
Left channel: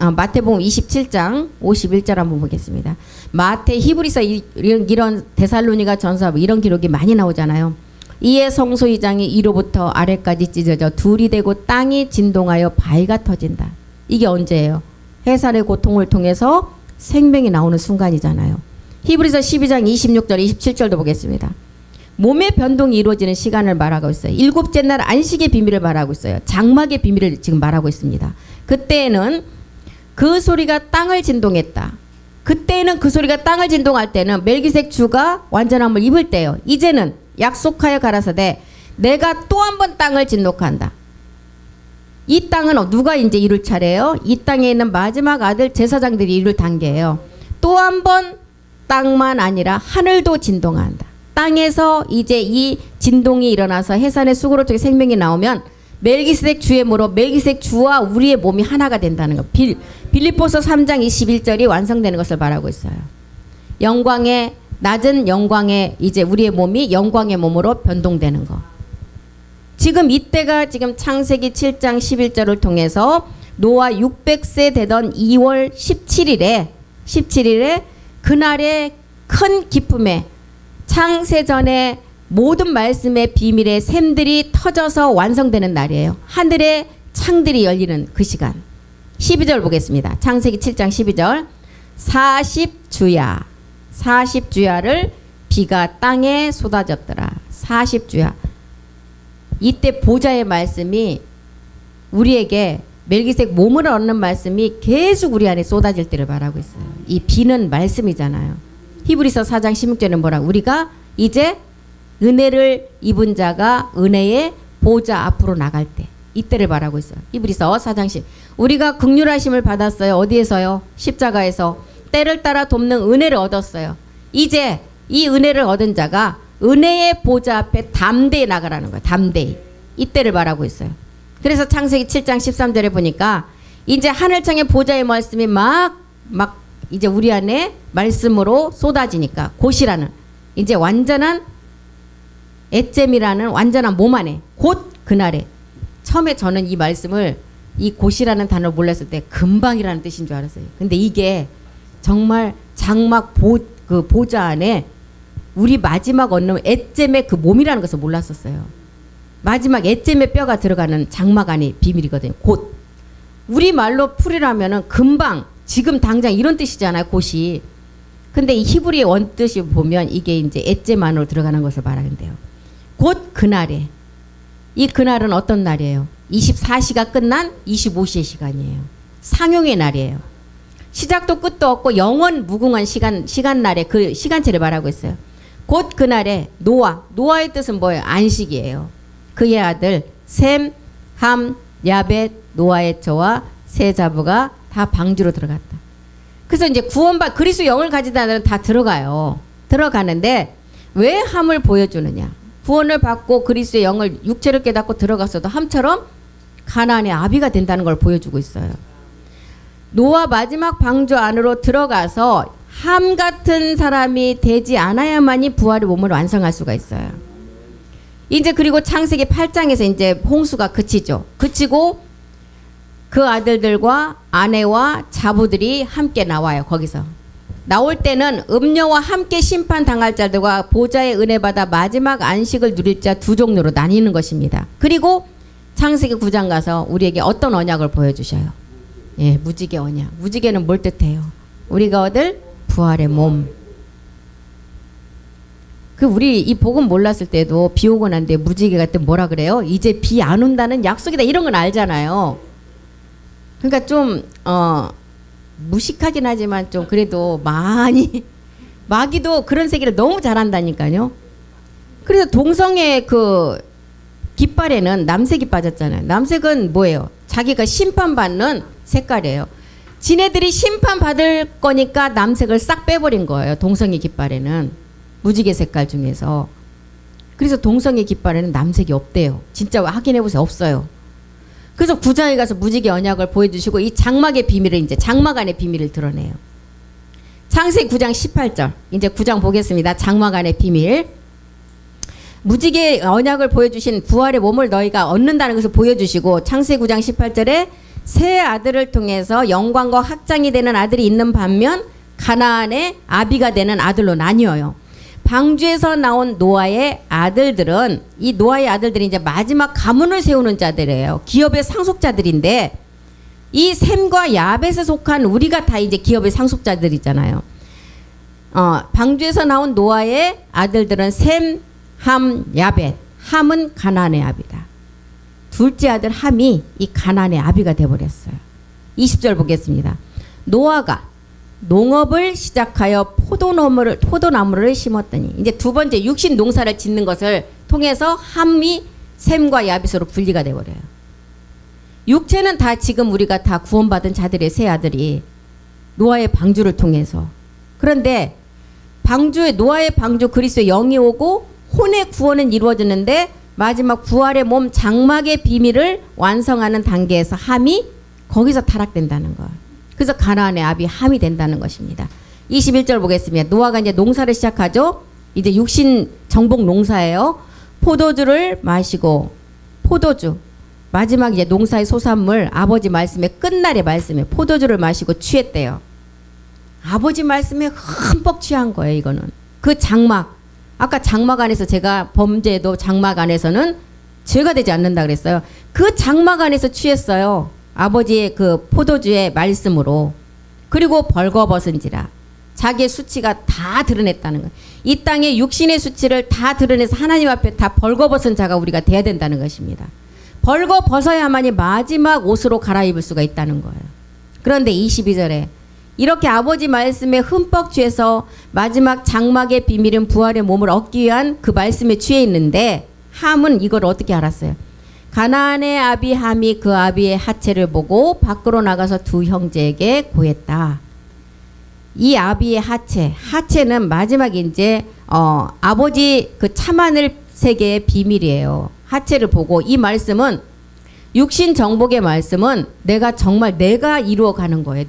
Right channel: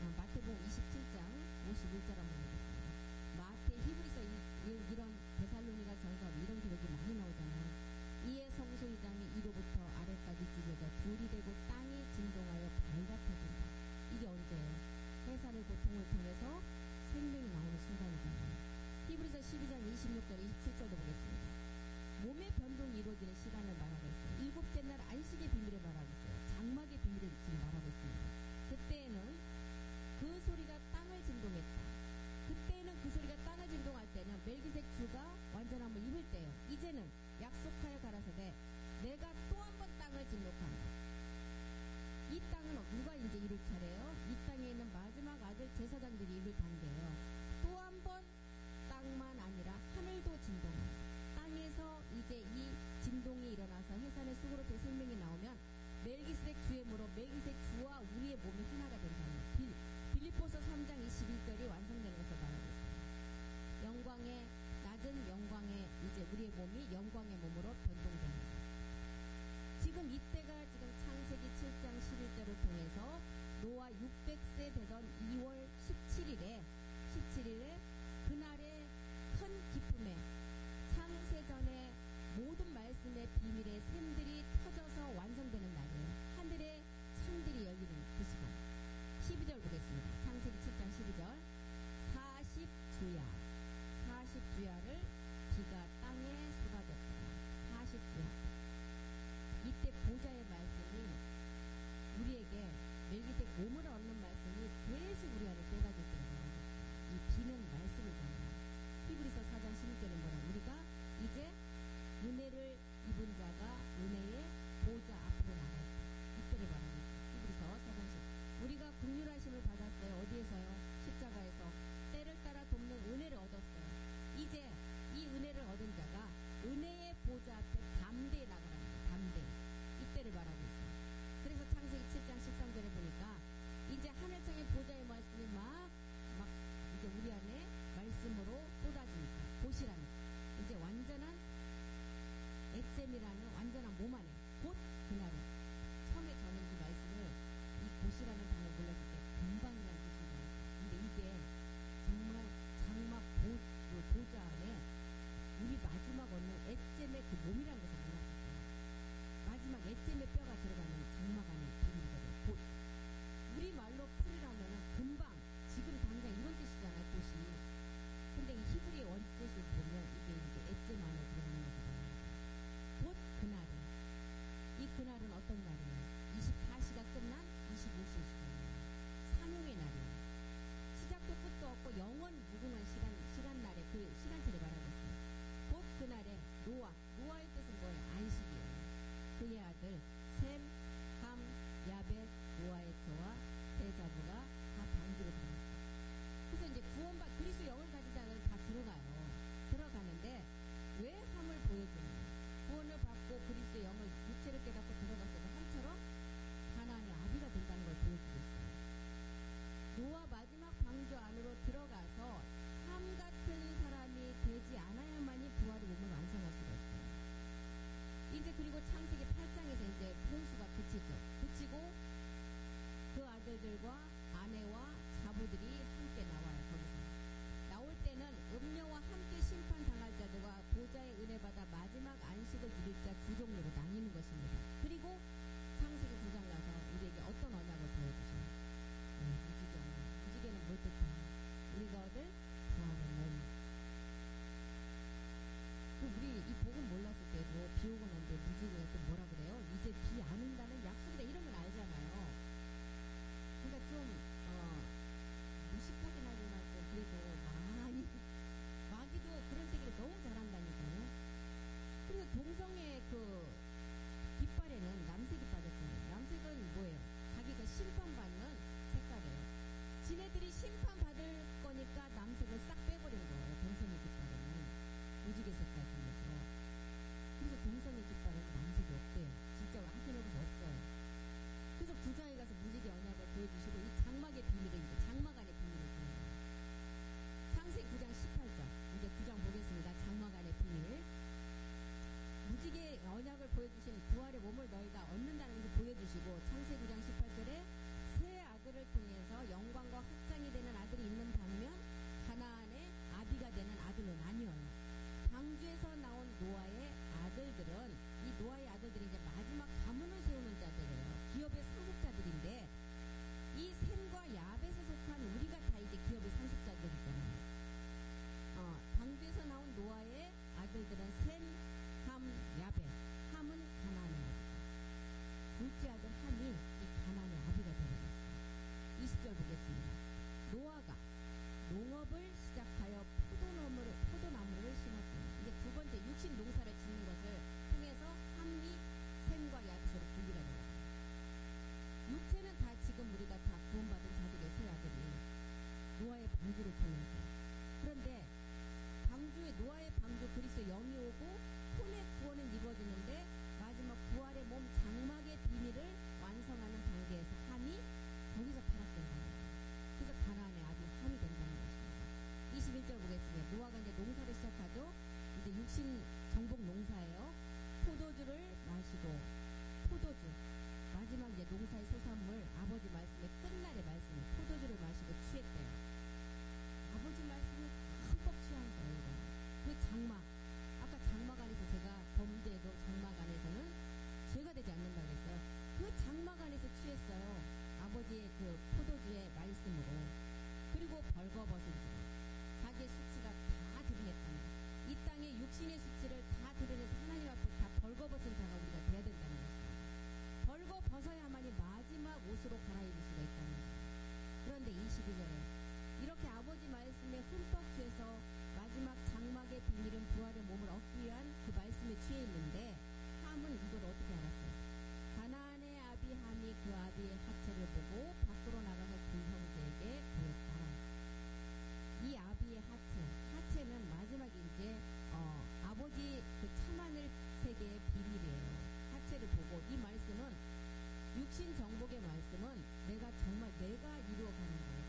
마태복음 27장 51절 한번 보겠습니다. 마태, 히브리서 이런 데살로니가 전서 이런 기록이 많이 나오잖아요. 이에 성소 휘장이 위로부터 아래까지 찢어져 둘이 되고 땅이 진동하여 바위가 터진다. 이게 언제예요? 해산의 고통을 통해서 생명이 나오는 순간이잖아요. 히브리서 12장 26절 27절도 보겠습니다. 몸의 변동이 이루어지는 시간을 말하고 있어요. 일곱째 날 안식의 비밀을 말하고 있어요. 장막의 비밀을 지금 말하고 있습니다. 그때에는 그 소리가 땅을 진동했다. 그때에는 그 소리가 땅을 진동할 때는 멜기세덱 주가 완전함을 입을 때예요. 이제는 약속하여 가라사대 내가 또 한 번 땅을 진동한다. 이 땅은 누가 이제 이룰 차례예요? 이 땅에 있는 마지막 아들 제사장들이 이룰 단계예요. 또 한 번 땅만 아니라 하늘도 진동한다. 땅에서 이제 이 진동이 일어나서 해산의 수고를 통해 생명이 나오면 멜기세덱 주의 모로 멜기세덱 주와 우리의 몸이 하나가 된다는 것. 빌립보서 3장 21절이 완성되는 것을 말하고 있어요. 영광의 낮은 영광의 이제 우리의 몸이 영광의 몸으로 변동되는 것. 지금 이때가 지금 창세기 7장 11절을 통해서 노아 600세 되던 2월 17일에 그날의 큰 기쁨에 창세전의 모든 말씀의 비밀의 샘들이 터져서 완성되는 날이에요. 하늘의 창들이 열리는 그 시간. 12절 보겠습니다. 창세기 7장 12절. 40주야를 비가 땅에 쏟아졌더라. 40주야. 이때 보좌의 말씀이 우리에게 멜기세덱 몸을 얻는 말씀이 계속 우리 안에 쏟아질 때를 말하고 있어요. 이 비는 말씀이잖아요. 히브리서 4장 16절은 뭐라고? 우리가 이제 은혜를 입은 자가 은혜의 보좌 앞으로 나갈 때 이때를 말하고 있어요. 히브리서 4장 10. 우리가 긍휼하심을 받았어요. 어디에서요? 십자가에서. 때를 따라 돕는 은혜를 얻었어요. 이제 이 은혜를 얻은 자가 은혜의 보좌 앞에 담대히 나가라는 거예요. 담대히. 이때를 말하고 있어요. 그래서 창세기 7장 13절에 보니까 이제 하늘창의 보좌의 말씀이 막 이제 우리 안에 말씀으로 쏟아지니까 곧이라는 이제 완전한 애잼이라는 완전한 몸 안에 곧 그날에. 처음에 저는 이 말씀을 이 곧이라는 단어를 몰랐을 때 금방이라는 뜻인 줄 알았어요. 근데 이게 정말 장막 그 보좌 안에 우리 마지막 얻는 애잼의 그 몸이라는 것을 몰랐었어요. 마지막 애잼의 뼈가 들어가는 장막 안의 비밀이거든요. 곧. 우리 말로 풀이라면은 금방 지금 당장 이런 뜻이잖아요. 곧이. 근데 이 히브리의 원뜻이 보면 이게 이제 애잼 안으로 들어가는 것을 말하는데요. 곧 그날에. 이 그날은 어떤 날이에요? 24시가 끝난 25시의 시간이에요. 상용의 날이에요. 시작도 끝도 없고 영원 무궁한 시간날에 그 시간체를 말하고 있어요. 곧 그날에 노아의 뜻은 뭐예요? 안식이에요. 그의 아들 셈, 함, 야벳, 노아의 처와 세 자부가 다 방주로 들어갔다. 그래서 이제 그리스도 영을 가진 자들은 다 들어가는데 왜 함을 보여주느냐? 구원을 받고 그리스도의 영을 육체를 깨닫고 들어갔어도 함처럼 가나안의 아비가 된다는 걸 보여주고 있어요. 노아 마지막 방주 안으로 들어가서 함 같은 사람이 되지 않아야만이 부활의 몸을 완성할 수가 있어요. 이제 그리고 창세기 8장에서 이제 홍수가 그치죠. 그치고 그 아들들과 아내와 자부들이 함께 나와요. 거기서. 나올 때는 음녀와 함께 심판당할 자들과 보좌의 은혜 받아 마지막 안식을 누릴 자 두 종류로 나뉘는 것입니다. 그리고 창세기 9장 가서 우리에게 어떤 언약을 보여주셔요. 예, 무지개 언약. 무지개는 뭘 뜻해요? 우리가 얻을 부활의 몸. 우리 이 복음 몰랐을 때도 비 오고 난 뒤에 무지개가 또 뭐라 그래요? 이제 비 안 온다는 약속이다. 이런 건 알잖아요. 그러니까 좀 무식하긴 하지만 좀 그래도 많이 마귀도 그런 세계를 너무 잘한다니까요. 그래서 동성의 그 깃발에는 남색이 빠졌잖아요. 남색은 뭐예요? 자기가 심판받는 색깔이에요. 지네들이 심판받을 거니까 남색을 싹 빼버린 거예요. 동성의 깃발에는. 무지개 색깔 중에서. 그래서 동성의 깃발에는 남색이 없대요. 진짜 확인해보세요. 없어요. 그래서 9장에 가서 무지개 언약을 보여주시고 이 장막의 비밀을 이제 장막 안의 비밀을 드러내요. 창세기 9장 18절. 이제 9장 보겠습니다. 장막 안의 비밀. 무지개 언약을 보여주신 부활의 몸을 너희가 얻는다는 것을 보여주시고 창세기 9장 18절에 세 아들을 통해서 영광과 확장이 되는 아들이 있는 반면 가나안의 아비가 되는 아들로 나뉘어요. 방주에서 나온 노아의 아들들은 이 노아의 아들들이 이제 마지막 가문을 세우는 자들이에요. 기업의 상속자들인데 이 셈과 야벳에 속한 우리가 다 이제 기업의 상속자들이잖아요. 방주에서 나온 노아의 아들들은 셈, 함, 야벳. 함은 가나안의 아비다. 둘째 아들 함이 이 가나안의 아비가 되어버렸어요. 20절 보겠습니다. 노아가 농업을 시작하여 포도나무를 심었더니 이제 두 번째 육신 농사를 짓는 것을 통해서 함이 셈과 야벳으로 분리가 되어버려요. 육체는 다 지금 우리가 다 구원받은 자들의 세 아들이 노아의 방주를 통해서. 그런데 노아의 방주 그리스도의 영이 오고 혼의 구원은 이루어졌는데 마지막 부활의 몸 장막의 비밀을 완성하는 단계에서 함이 거기서 타락된다는 거예요. 그래서 가나안의 압이 함이 된다는 것입니다. 21절 보겠습니다. 노아가 이제 농사를 시작하죠. 이제 육신 정복 농사예요. 포도주를 마시고 포도주 마지막 이제 농사의 소산물 아버지 말씀에 끝날의 말씀에 포도주를 마시고 취했대요. 아버지 말씀에 흠뻑 취한 거예요. 이거는 그 장막 아까 장막 안에서 제가 범죄도 장막 안에서는 죄가 되지 않는다 그랬어요. 그 장막 안에서 취했어요. 아버지의 그 포도주의 말씀으로. 그리고 벌거벗은지라 자기의 수치가 다 드러냈다는 거예요. 이 땅의 육신의 수치를 다 드러내서 하나님 앞에 다 벌거벗은 자가 우리가 돼야 된다는 것입니다. 벌거벗어야만이 마지막 옷으로 갈아입을 수가 있다는 거예요. 그런데 22절에 이렇게 아버지 말씀에 흠뻑 취해서 마지막 장막의 비밀은 부활의 몸을 얻기 위한 그 말씀에 취해 있는데 함은 이걸 어떻게 알았어요? 가나안의 아비 함이 그 아비의 하체를 보고 밖으로 나가서 두 형제에게 고했다. 이 아비의 하체는 마지막 이제 아버지 그 참하늘 세계의 비밀이에요. 하체를 보고 이 말씀은 육신 정복의 말씀은 내가 정말 내가 이루어가는 거예요.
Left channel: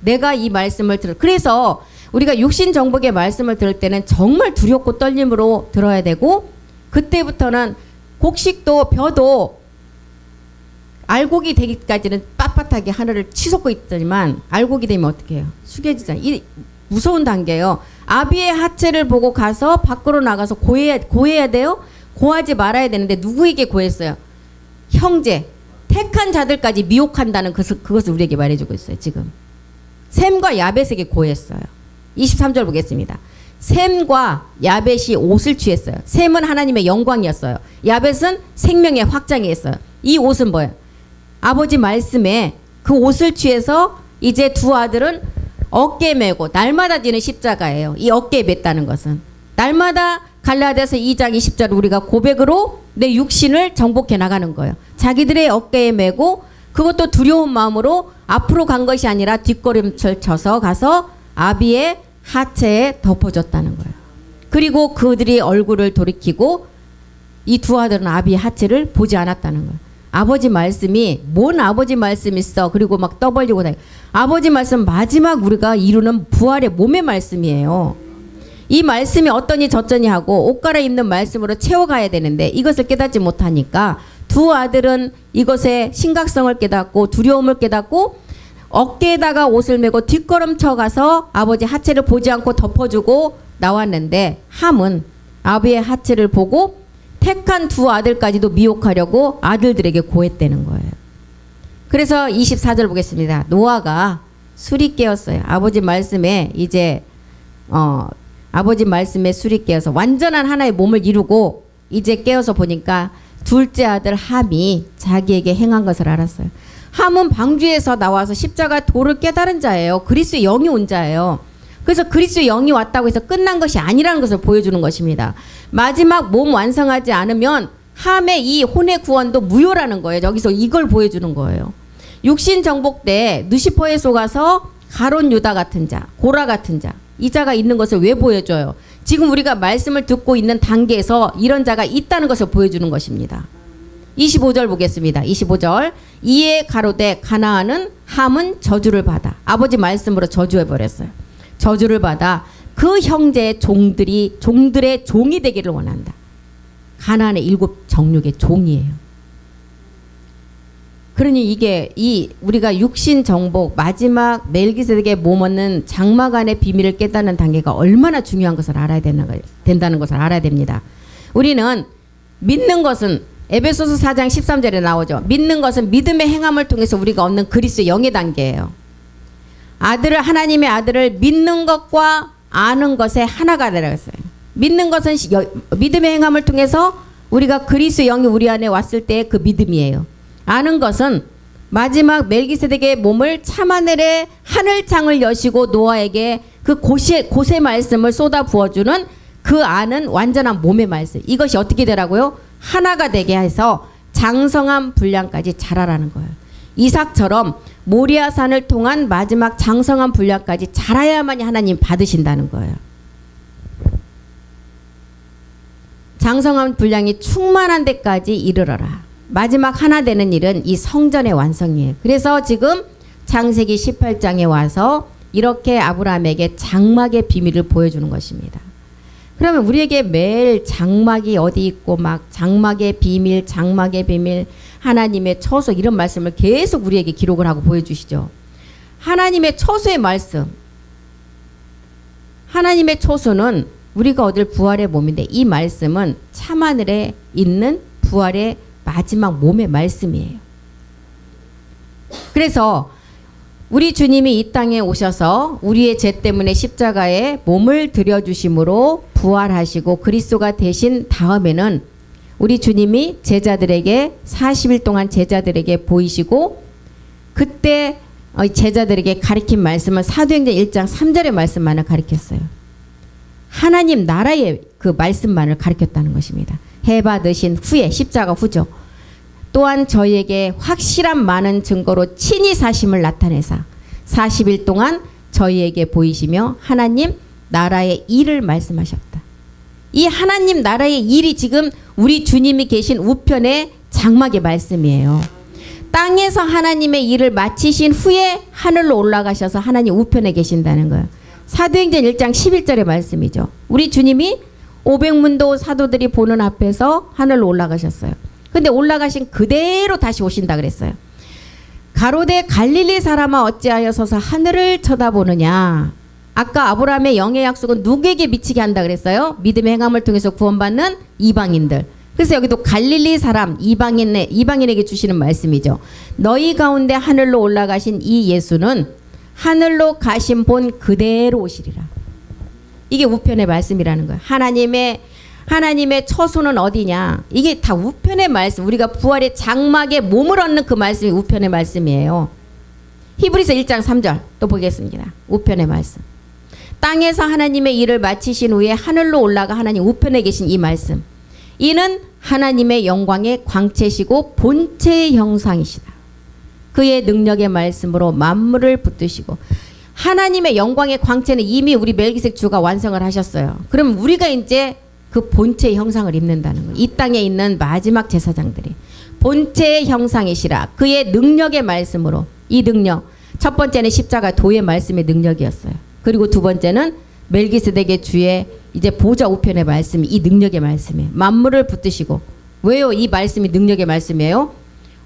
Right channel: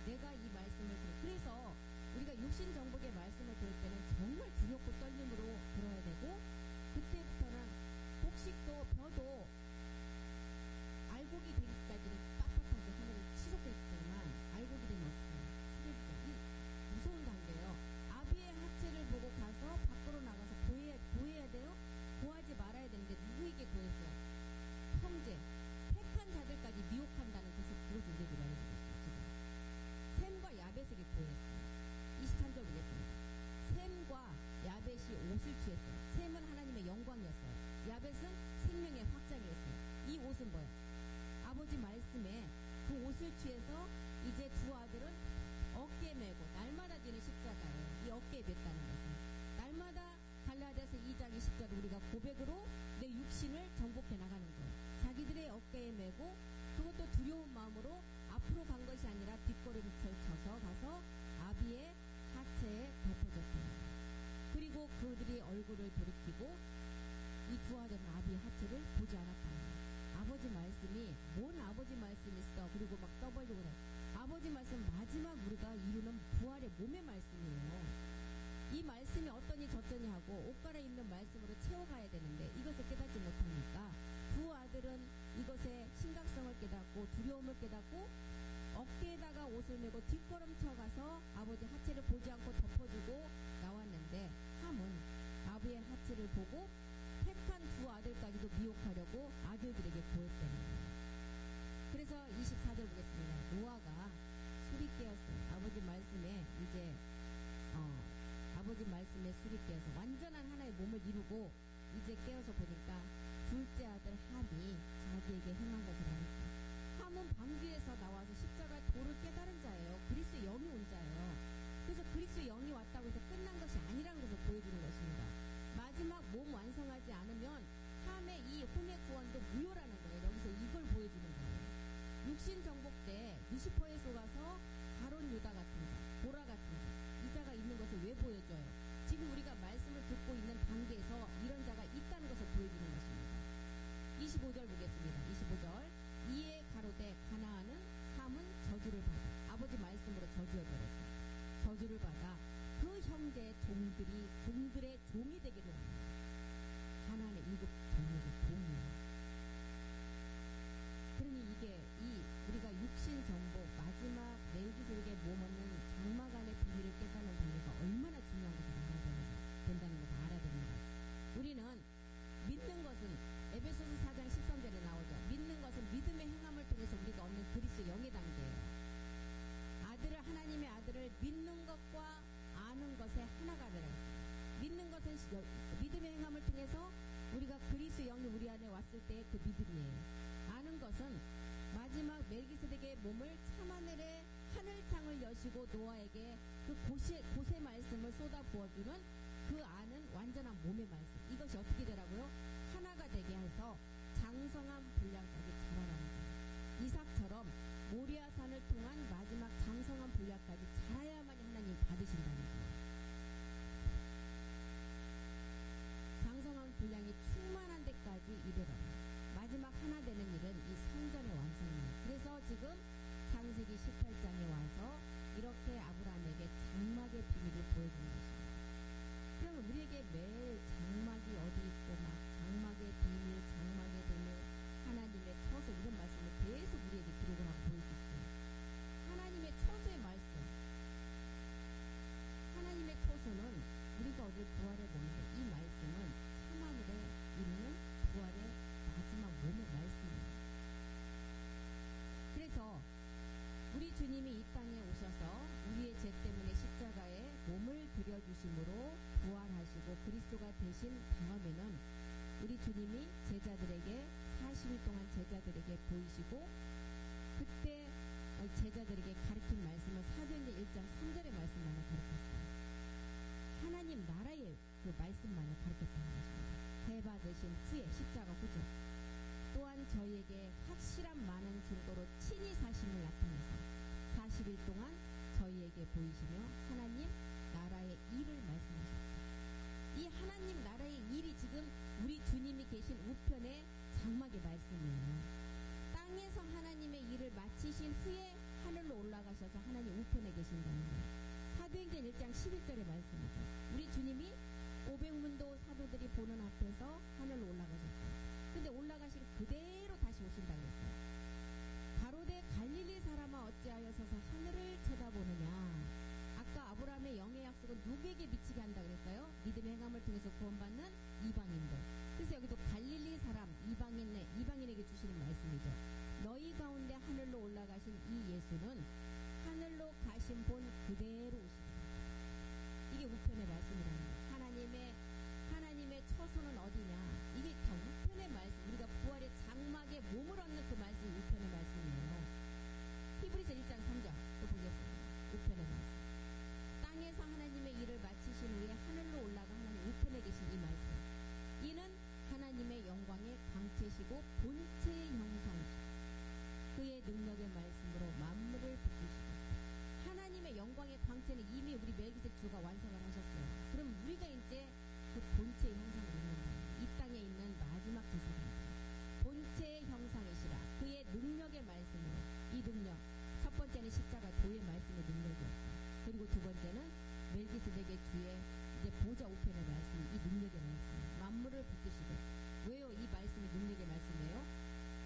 내가 이 말씀을 그래서 우리가 육신 정복의 말씀을 들을 때는 정말 두렵고 떨림으로 들어야 되고 그때부터는 곡식도 벼도 알곡이 되기까지는 빳빳하게 하늘을 치솟고 있더니만 알곡이 되면 어떻게 해요? 숙여지잖아요. 이 무서운 단계예요. 아비의 하체를 보고 가서 밖으로 나가서 고해야 돼요? 고하지 말아야 되는데 누구에게 고했어요? 형제, 택한 자들까지 미혹한다는 그것을 우리에게 말해주고 있어요. 지금 셈과 야벳에게 고했어요. 23절 보겠습니다. 셈과 야벳이 옷을 취했어요. 셈은 하나님의 영광이었어요. 야벳은 생명의 확장이었어요. 이 옷은 뭐예요? 아버지 말씀에 그 옷을 취해서 이제 두 아들은 어깨에 메고 날마다 지는 십자가예요. 이 어깨에 맸다는 것은 날마다 갈라디아서 2장 20절 우리가 고백으로 내 육신을 정복해 나가는 거예요. 자기들의 어깨에 메고 그것도 두려운 마음으로 앞으로 간 것이 아니라 뒷걸음질 쳐서 가서 아비의 하체에 덮어줬다는 거예요. 그리고 그들이 얼굴을 돌이키고 이 두 아들은 아비의 하체를 보지 않았다는 거예요. 아버지 말씀이 뭔 아버지 말씀 있어. 그리고 막 떠벌리고 다니고. 아버지 말씀 마지막 우리가 이루는 부활의 몸의 말씀이에요. 이 말씀이 어떠니 저쩌니 하고 옷 갈아입는 말씀으로 채워가야 되는데 이것을 깨닫지 못하니까 두 아들은 이것의 심각성을 깨닫고 두려움을 깨닫고 어깨에다가 옷을 메고 뒷걸음쳐 가서 아버지 하체를 보지 않고 덮어주고 나왔는데 함은 아비의 하체를 보고 택한 두 아들까지도 미혹하려고 아들들에게 고했다는 거예요. 그래서 24절 보겠습니다. 노아가 술이 깨었어요. 아버지 말씀에 이제 아버지 말씀에 술이 깨어서 완전한 하나의 몸을 이루고 이제 깨어서 보니까 둘째 아들 함이 자기에게 행한 것을 알았어요. 함은 방주에서 나와서 십자가 도를 깨달은 자예요. 그리스도의 영이 온 자예요. 그래서 그리스도의 영이 왔다고 해서 끝난 것이 아니라는 것을 보여주는 것입니다. 마지막 몸 완성하지 않으면 함의 이 혼의 구원도 무효라는 거예요. 여기서 이걸 보여주는 거예요. 육신 정복 때 누시퍼에 속아서 가론 유다 같은 자, 고라 같은 자, 이 자가 있는 것을 왜 보여줘요? 지금 우리가 말씀을 듣고 있는 단계에서 이런 자가 있다는 것을 보여주는 것입니다. 25절 보겠습니다. 25절 이에 가로되 가나안은 함은 저주를 받아 아버지 말씀으로 저주해버렸어요. 저주를 받아 그 형제의 종들의 종이 되기를 원한다. 가나안의 7 정육의 종이에요. 그러니 이게 우리가 육신 정복 마지막 멜기세덱의 몸 얻는 장막 안의 비밀을 깨닫는 단계가 얼마나 중요한 것을 알아야 된다는 것을 알아야 됩니다. 우리는 믿는 것은 에베소서 4장 13절에 나오죠. 믿는 것은 믿음의 행함을 통해서 우리가 얻는 그리스도의 영의 단계예요. 하나님의 아들을 믿는 것과 아는 것의 하나가 되라 했어요. 믿는 것은 믿음의 행함을 통해서 우리가 그리스도의 영이 우리 안에 왔을 때의 그 믿음이에요. 아는 것은 마지막 멜기세덱의 몸을 참하늘의 하늘창을 여시고 노아에게 그 고세 말씀을 쏟아 부어주는 그 아는 완전한 몸의 말씀. 이것이 어떻게 되라고요? 하나가 되게 해서 장성한 분량까지 자라라는 거예요. 이삭처럼 모리아산을 통한 마지막 장성한 분량까지 자라야만이 하나님 받으신다는 거예요. 장성한 분량이 충만한 데까지 이르러라. 마지막 하나 되는 일은 이 성전의 완성이에요. 그래서 지금 창세기 18장에 와서 이렇게 아브라함에게 장막의 비밀을 보여주는 것입니다. 그러면 우리에게 매일 장막이 어디 있고 막 장막의 비밀, 장막의 비밀, 하나님의 처소 이런 말씀을 계속 우리에게 기록을 하고 보여주시죠. 하나님의 처소의 말씀. 하나님의 처소는 우리가 얻을 부활의 몸인데 이 말씀은 참하늘에 있는 부활의 마지막 몸의 말씀이에요. 그래서 우리 주님이 이 땅에 오셔서 우리의 죄 때문에 십자가에 몸을 들여주심으로 부활하시고 그리스도가 되신 다음에는 우리 주님이 제자들에게 40일 동안 제자들에게 보이시고 그때 제자들에게 가르친 말씀은 사도행전 1장 3절의 말씀만을 가르쳤어요. 하나님 나라의 그 말씀만을 가르쳤다는 것입니다. 해 받으신 후에 십자가 후죠. 또한 저희에게 확실한 많은 증거로 친히 사심을 나타내사 40일 동안 저희에게 보이시며 하나님 나라의 일을 말씀하셨다. 이 하나님 나라의 일이 지금 우리 주님이 계신 우편의 장막의 말씀이에요. 땅에서 하나님의 일을 마치신 후에 하늘로 올라가셔서 하나님 우편에 계신다는 거예요. 사도행전 1장 11절의 말씀이죠. 우리 주님이 500문도 사도들이 보는 앞에서 하늘로 올라가셨어요. 근데 올라가신 그대로 다시 오신다 그랬어요. 가로되 갈릴리 사람아 어찌하여 서서 하늘을 쳐다보느냐. 아까 아브라함의 영의 약속은 누구에게 미치게 한다 그랬어요? 믿음의 행함을 통해서 구원받는 이방인들. 그래서 여기도 갈릴리 사람 이방인에게 주시는 말씀이죠. 너희 가운데 하늘로 올라가신 이 예수는 하늘로 가신 본 그대로 오시리라. 이게 우편의 말씀이라는 거예요. 하나님의 처소는 어디냐. 이게 다 우편의 말씀. 우리가 부활의 장막에 몸을 얻는 그 말씀이 우편의 말씀이에요. 히브리서 1장 3절 또 보겠습니다. 우편의 말씀. 땅에서 하나님의 일을 마치신 후에 하늘로 올라가 하나님 우편에 계신 이 말씀. 이는 하나님의 영광의 광채시고 본체의 형상이시다. 그의 능력의 말씀으로 만물을 붙드시고 하나님의 영광의 광채는 이미 우리 멜기세덱 주가 완성을 하셨어요. 그럼 우리가 이제 그 본체의 형상을 입는다는 거예요. 이 땅에 있는 마지막 제사장들이 본체의 형상이시라. 그의 능력의 말씀으로. 이 능력 첫 번째는 십자가 도의 말씀의 능력이었어요. 그리고 두 번째는 멜기세덱의 주의 이제 보좌 우편의 말씀이 이 능력의 말씀이에요. 만물을 붙드시고. 왜요? 이 말씀이 능력의 말씀이에요.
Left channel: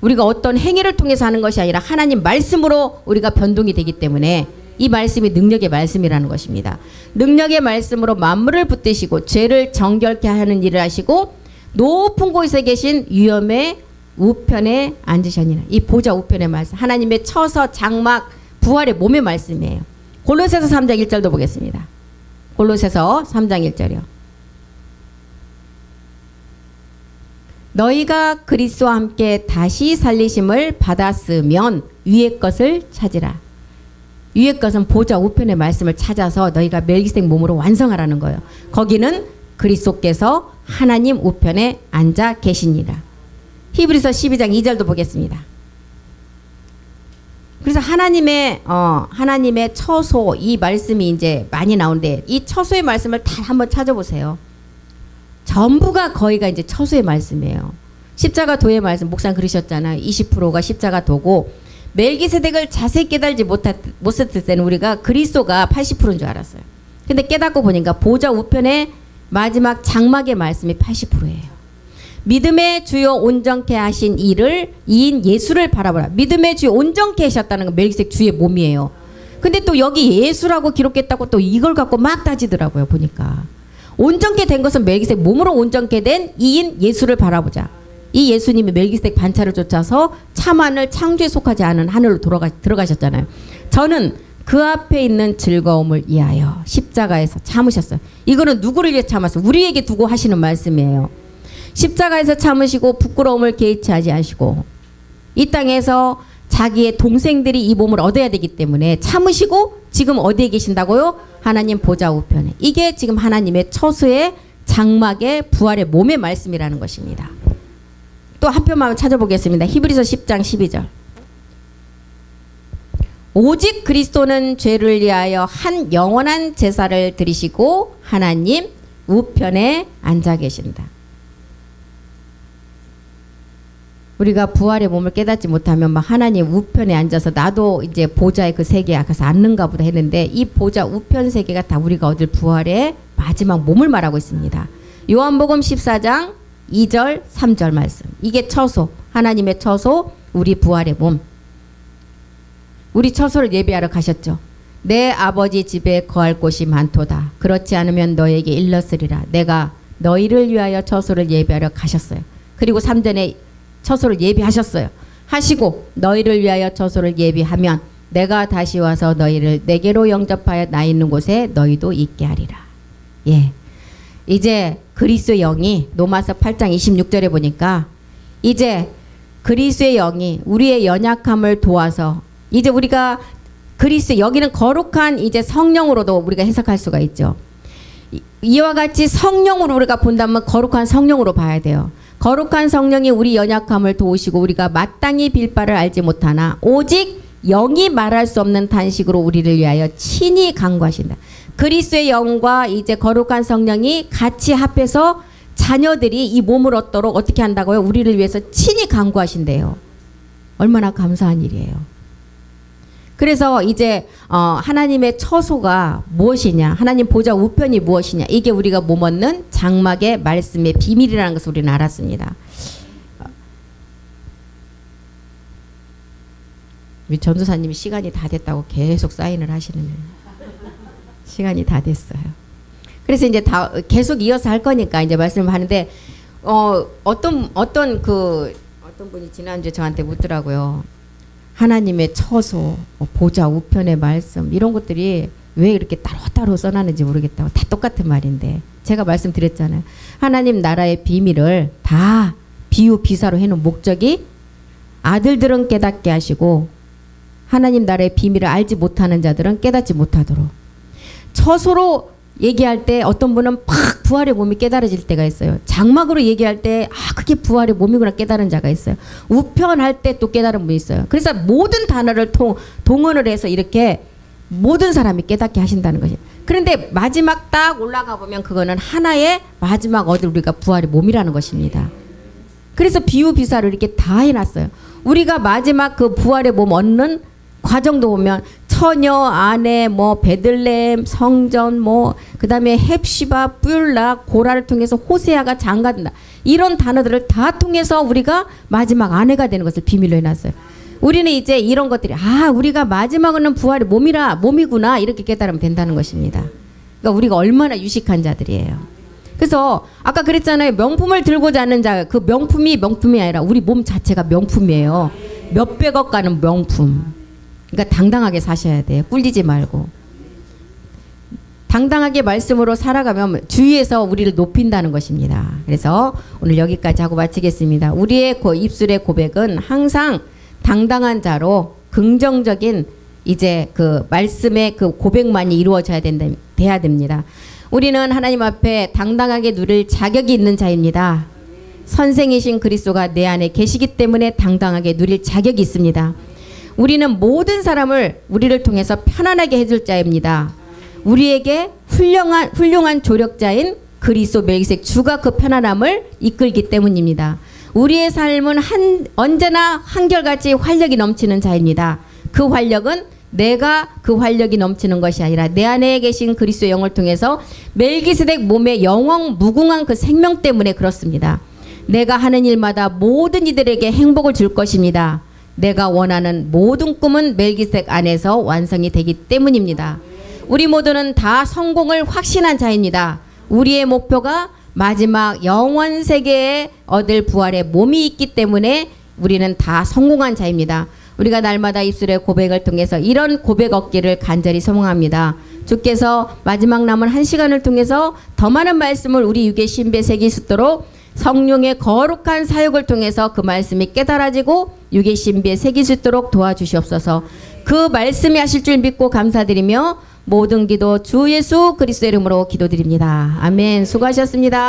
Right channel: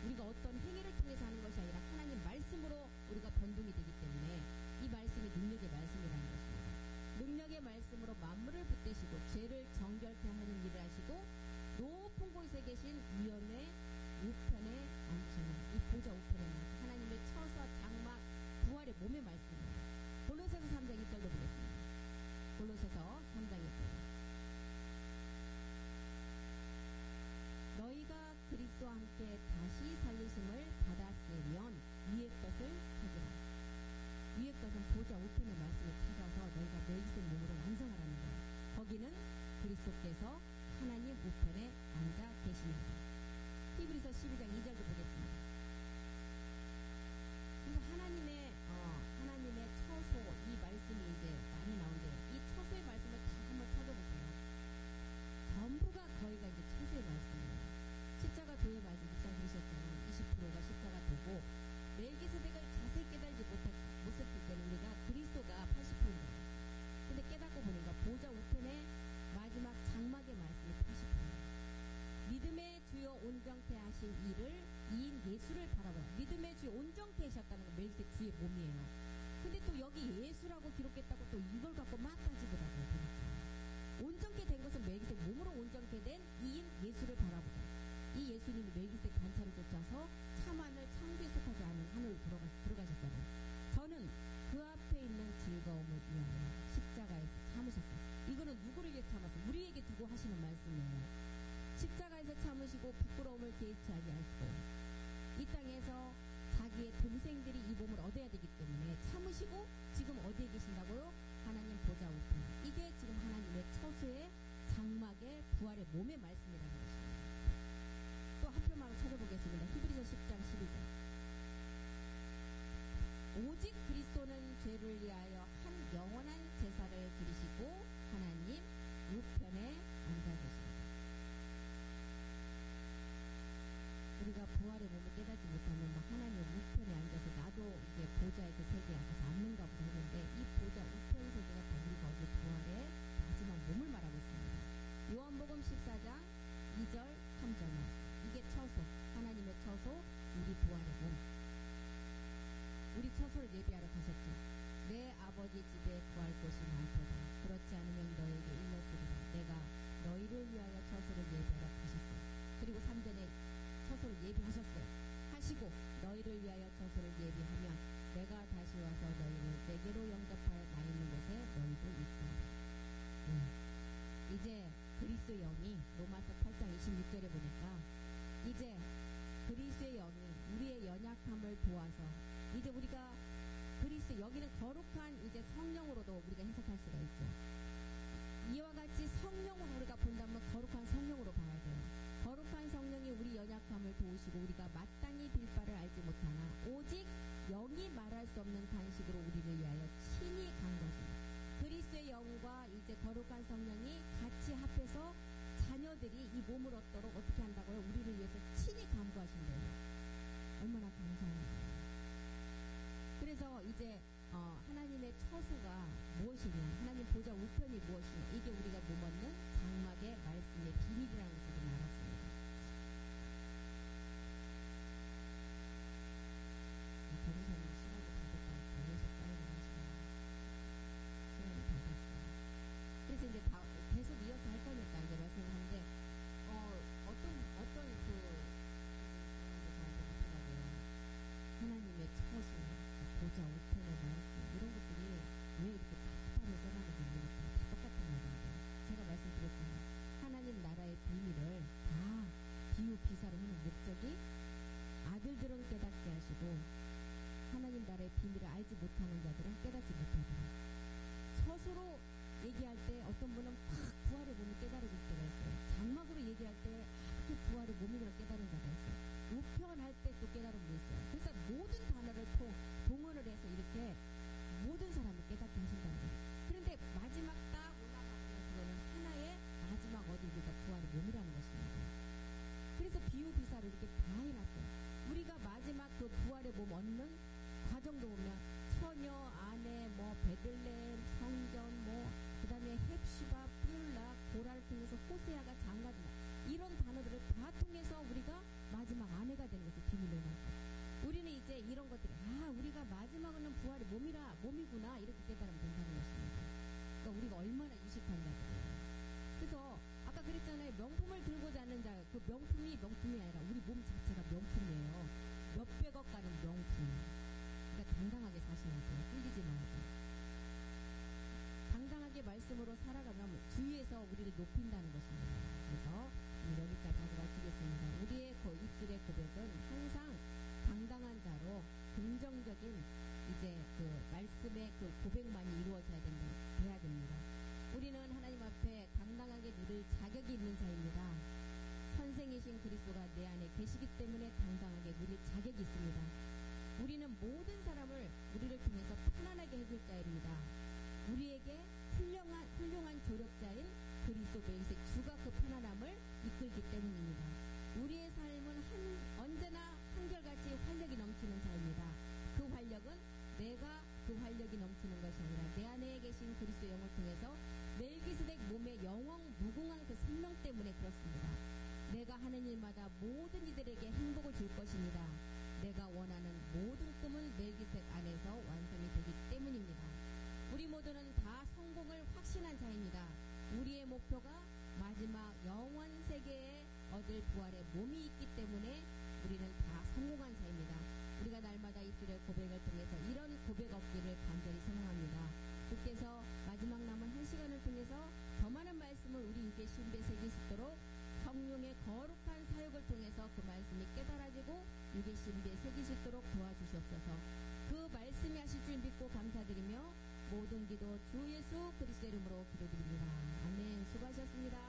우리가 어떤 행위를 통해서 하는 것이 아니라 하나님 말씀으로 우리가 변동이 되기 때문에 이 말씀이 능력의 말씀이라는 것입니다. 능력의 말씀으로 만물을 붙드시고 죄를 정결케 하는 일을 하시고 높은 곳에 계신 위엄의 우편에 앉으셨니라. 이 보좌 우편의 말씀. 하나님의 처서 장막 부활의 몸의 말씀이에요. 골로새서 3장 1절도 보겠습니다. 골로새서 3장 1절이요. 너희가 그리스도와 함께 다시 살리심을 받았으면 위의 것을 찾으라. 위의 것은 보좌 우편의 말씀을 찾아서 너희가 멜기세덱 몸으로 완성하라는 거예요. 거기는 그리스도께서 하나님 우편에 앉아 계시니라. 히브리서 12장 2절도 보겠습니다. 그래서 하나님의 처소 이 말씀이 이제 많이 나오는데 이 처소의 말씀을 다 한번 찾아보세요. 전부가 거의가 이제 처소의 말씀이에요. 십자가 도의 말씀 목사님 그러셨잖아요. 20%가 십자가 도고 멜기세덱을 자세히 깨달지 못했을 때는 우리가 그리스도가 80%인 줄 알았어요. 근데 깨닫고 보니까 보좌 우편의 마지막 장막의 말씀이 80%예요. 믿음의 주요 온전케 하신 이인 예수를 바라보라. 믿음의 주요 온전케 하셨다는 건 멜기세덱 주의 몸이에요. 근데 또 여기 예수라고 기록했다고 또 이걸 갖고 막 따지더라고요. 보니까 온전케 된 것은 멜기세덱 몸으로 온전케 된 이인 예수를 바라보자. 이 예수님이 멜기세덱 반차를 쫓아서 참하늘 창조에 속하지 않은 하늘로 들어가셨잖아요. 저는 그 앞에 있는 즐거움을 위하여 십자가에서 참으셨어요. 이거는 누구를 위해 참았어요? 우리에게 두고 하시는 말씀이에요. 십자가에서 참으시고 부끄러움을 개의치 하지 않으시고 이 땅에서 자기의 동생들이 이 몸을 얻어야 되기 때문에 참으시고 지금 어디에 계신다고요? 하나님 보좌 우편에. 이게 지금 하나님의 처소의 장막의 부활의 몸의 말씀이라는 것입니다. 또 한 편만 찾아보겠습니다. 히브리서 10장 12절. 오직 그리스도는 죄를 위하여 한 영원한 제사를 드리시고 하나님 우편에 앉아 계신다. 우리가 부활의 몸을 깨닫지 못하면 막 하나님 우편에 앉아서 나도 이제 보좌의 그 세계에 가서 앉는가 보다 했는데, 이 보좌 우편 세계가 다 우리가 얻을 부활의 마지막 몸을 말하고 있습니다. 요한복음 14장 2절 3절 말씀, 이게 처소, 하나님의 처소, 우리 부활의 몸. 우리 처소를 예비하러 가셨죠. 내 아버지 집에 거할 곳이 많도다. 그렇지 않으면 너에게 일렀으리라. 내가 너희를 위하여 처소를 예비하러 가셨어요. 그리고 3절에 처소를 예비하셨어요. 하시고 너희를 위하여 처소를 예비하면 내가 다시 와서 너희를 내게로 영접하여 나 있는 곳에 너희도 있게 하리라. 예, 이제 그리스도의 영이 로마서 8장 26절에 보니까 이제 그리스도의 영이 우리의 연약함을 도와서 이제 우리가 그리스도, 여기는 거룩한 이제 성령으로도 우리가 해석할 수가 있죠. 이와 같이 성령으로 우리가 본다면 거룩한 성령으로 봐야 돼요. 거룩한 성령이 우리 연약함을 도우시고 우리가 마땅히 빌 바를 알지 못하나 오직 영이 말할 수 없는 탄식으로 우리를 위하여 친히 간구하신다. 그리스도의 영과 이제 거룩한 성령이 같이 합해서 자녀들이 이 몸을 얻도록 어떻게 한다고요? 우리를 위해서 친히 간구하신대요. 얼마나 감사한 일이에요. 그래서 이제 하나님의 처소가 무엇이냐, 하나님 보좌 우편이 무엇이냐, 이게 우리가 몸 얻는 장막의 말씀의 비밀이라는 것을 우리는 알았습니다. 우리 전도사님이 시간이 다 됐다고 계속 사인을 하시는, 시간이 다 됐어요. 그래서 이제 다 계속 이어서 할 거니까 이제 말씀을 하는데, 어떤 분이 지난주에 저한테 묻더라고요. 하나님의 처소, 보좌 우편의 말씀, 이런 것들이 왜 이렇게 따로따로 써놨는지 모르겠다고. 다 똑같은 말인데 제가 말씀드렸잖아요. 하나님 나라의 비밀을 다 비유 비사로 해놓은 목적이 아들들은 깨닫게 하시고 하나님 나라의 비밀을 알지 못하는 자들은 깨닫지 못하도록. 처소로 얘기할 때 어떤 분은 팍 부활의 몸이 깨달아질 때가 있어요. 장막으로 얘기할 때 그게 부활의 몸이구나 깨달은 자가 있어요. 우편할 때 또 깨달은 분이 있어요. 그래서 모든 단어를 동원을 해서 이렇게 모든 사람이 깨닫게 하신다는 것이에요. 그런데 마지막 딱 올라가 보면 그거는 하나의 마지막 얻을 우리가 부활의 몸이라는 것입니다. 그래서 비유 비사를 이렇게 다 해놨어요. 우리가 마지막 그 부활의 몸 얻는 과정도 보면 처녀, 아내, 뭐 베들레헴, 성전, 뭐 그다음에 헵시바, 뿔라, 고라를 통해서 호세아가 장가든다. 이런 단어들을 다 통해서 우리가 마지막 아내가 되는 것을 비밀로 해놨어요. 우리는 이제 이런 것들이 우리가 마지막은 부활의 몸이구나 이렇게 깨달으면 된다는 것입니다. 그러니까 우리가 얼마나 유식한 자들이에요. 그래서 아까 그랬잖아요. 명품을 들고 자는 자, 그 명품이 아니라 우리 몸 자체가 명품이에요. 몇백억 가는 명품. 그러니까 당당하게 사셔야 돼요. 꿀리지 말고. 당당하게 말씀으로 살아가면 주위에서 우리를 높인다는 것입니다. 그래서 오늘 여기까지 하고 마치겠습니다. 우리의 입술의 고백은 항상 당당한 자로 긍정적인 이제 그 말씀의 그 고백만이 이루어져야 돼야 됩니다. 우리는 하나님 앞에 당당하게 누릴 자격이 있는 자입니다. 선생이신 그리스도가 내 안에 계시기 때문에 당당하게 누릴 자격이 있습니다. 우리는 모든 사람을 우리를 통해서 편안하게 해줄 자입니다. 우리에게 훌륭한 조력자인 그리스도 멜기세덱 주가 그 편안함을 이끌기 때문입니다. 우리의 삶은 언제나 한결같이 활력이 넘치는 자입니다. 그 활력은 내가 그 활력이 넘치는 것이 아니라 내 안에 계신 그리스도의 영을 통해서 멜기세덱 몸의 영원 무궁한 그 생명 때문에 그렇습니다. 내가 하는 일마다 모든 이들에게 행복을 줄 것입니다. 내가 원하는 모든 꿈은 멜기세덱 안에서 완성이 되기 때문입니다. 우리 모두는 다 성공을 확신한 자입니다. 우리의 목표가 마지막 영원 세계에 얻을 부활의 몸이 있기 때문에 우리는 다 성공한 자입니다. 우리가 날마다 입술의 고백을 통해서 이런 고백 얻기를 간절히 소망합니다. 주께서 마지막 남은 한 시간을 통해서 더 많은 말씀을 우리 육의 신비에 새길 수 있도록 성령의 거룩한 사역을 통해서 그 말씀이 깨달아지고 육의 신비에 새길 수 있도록 도와주시옵소서. 그 말씀이 하실 줄 믿고 감사드리며 모든 기도 주 예수 그리스도 이름으로 기도드립니다. 아멘. 수고하셨습니다.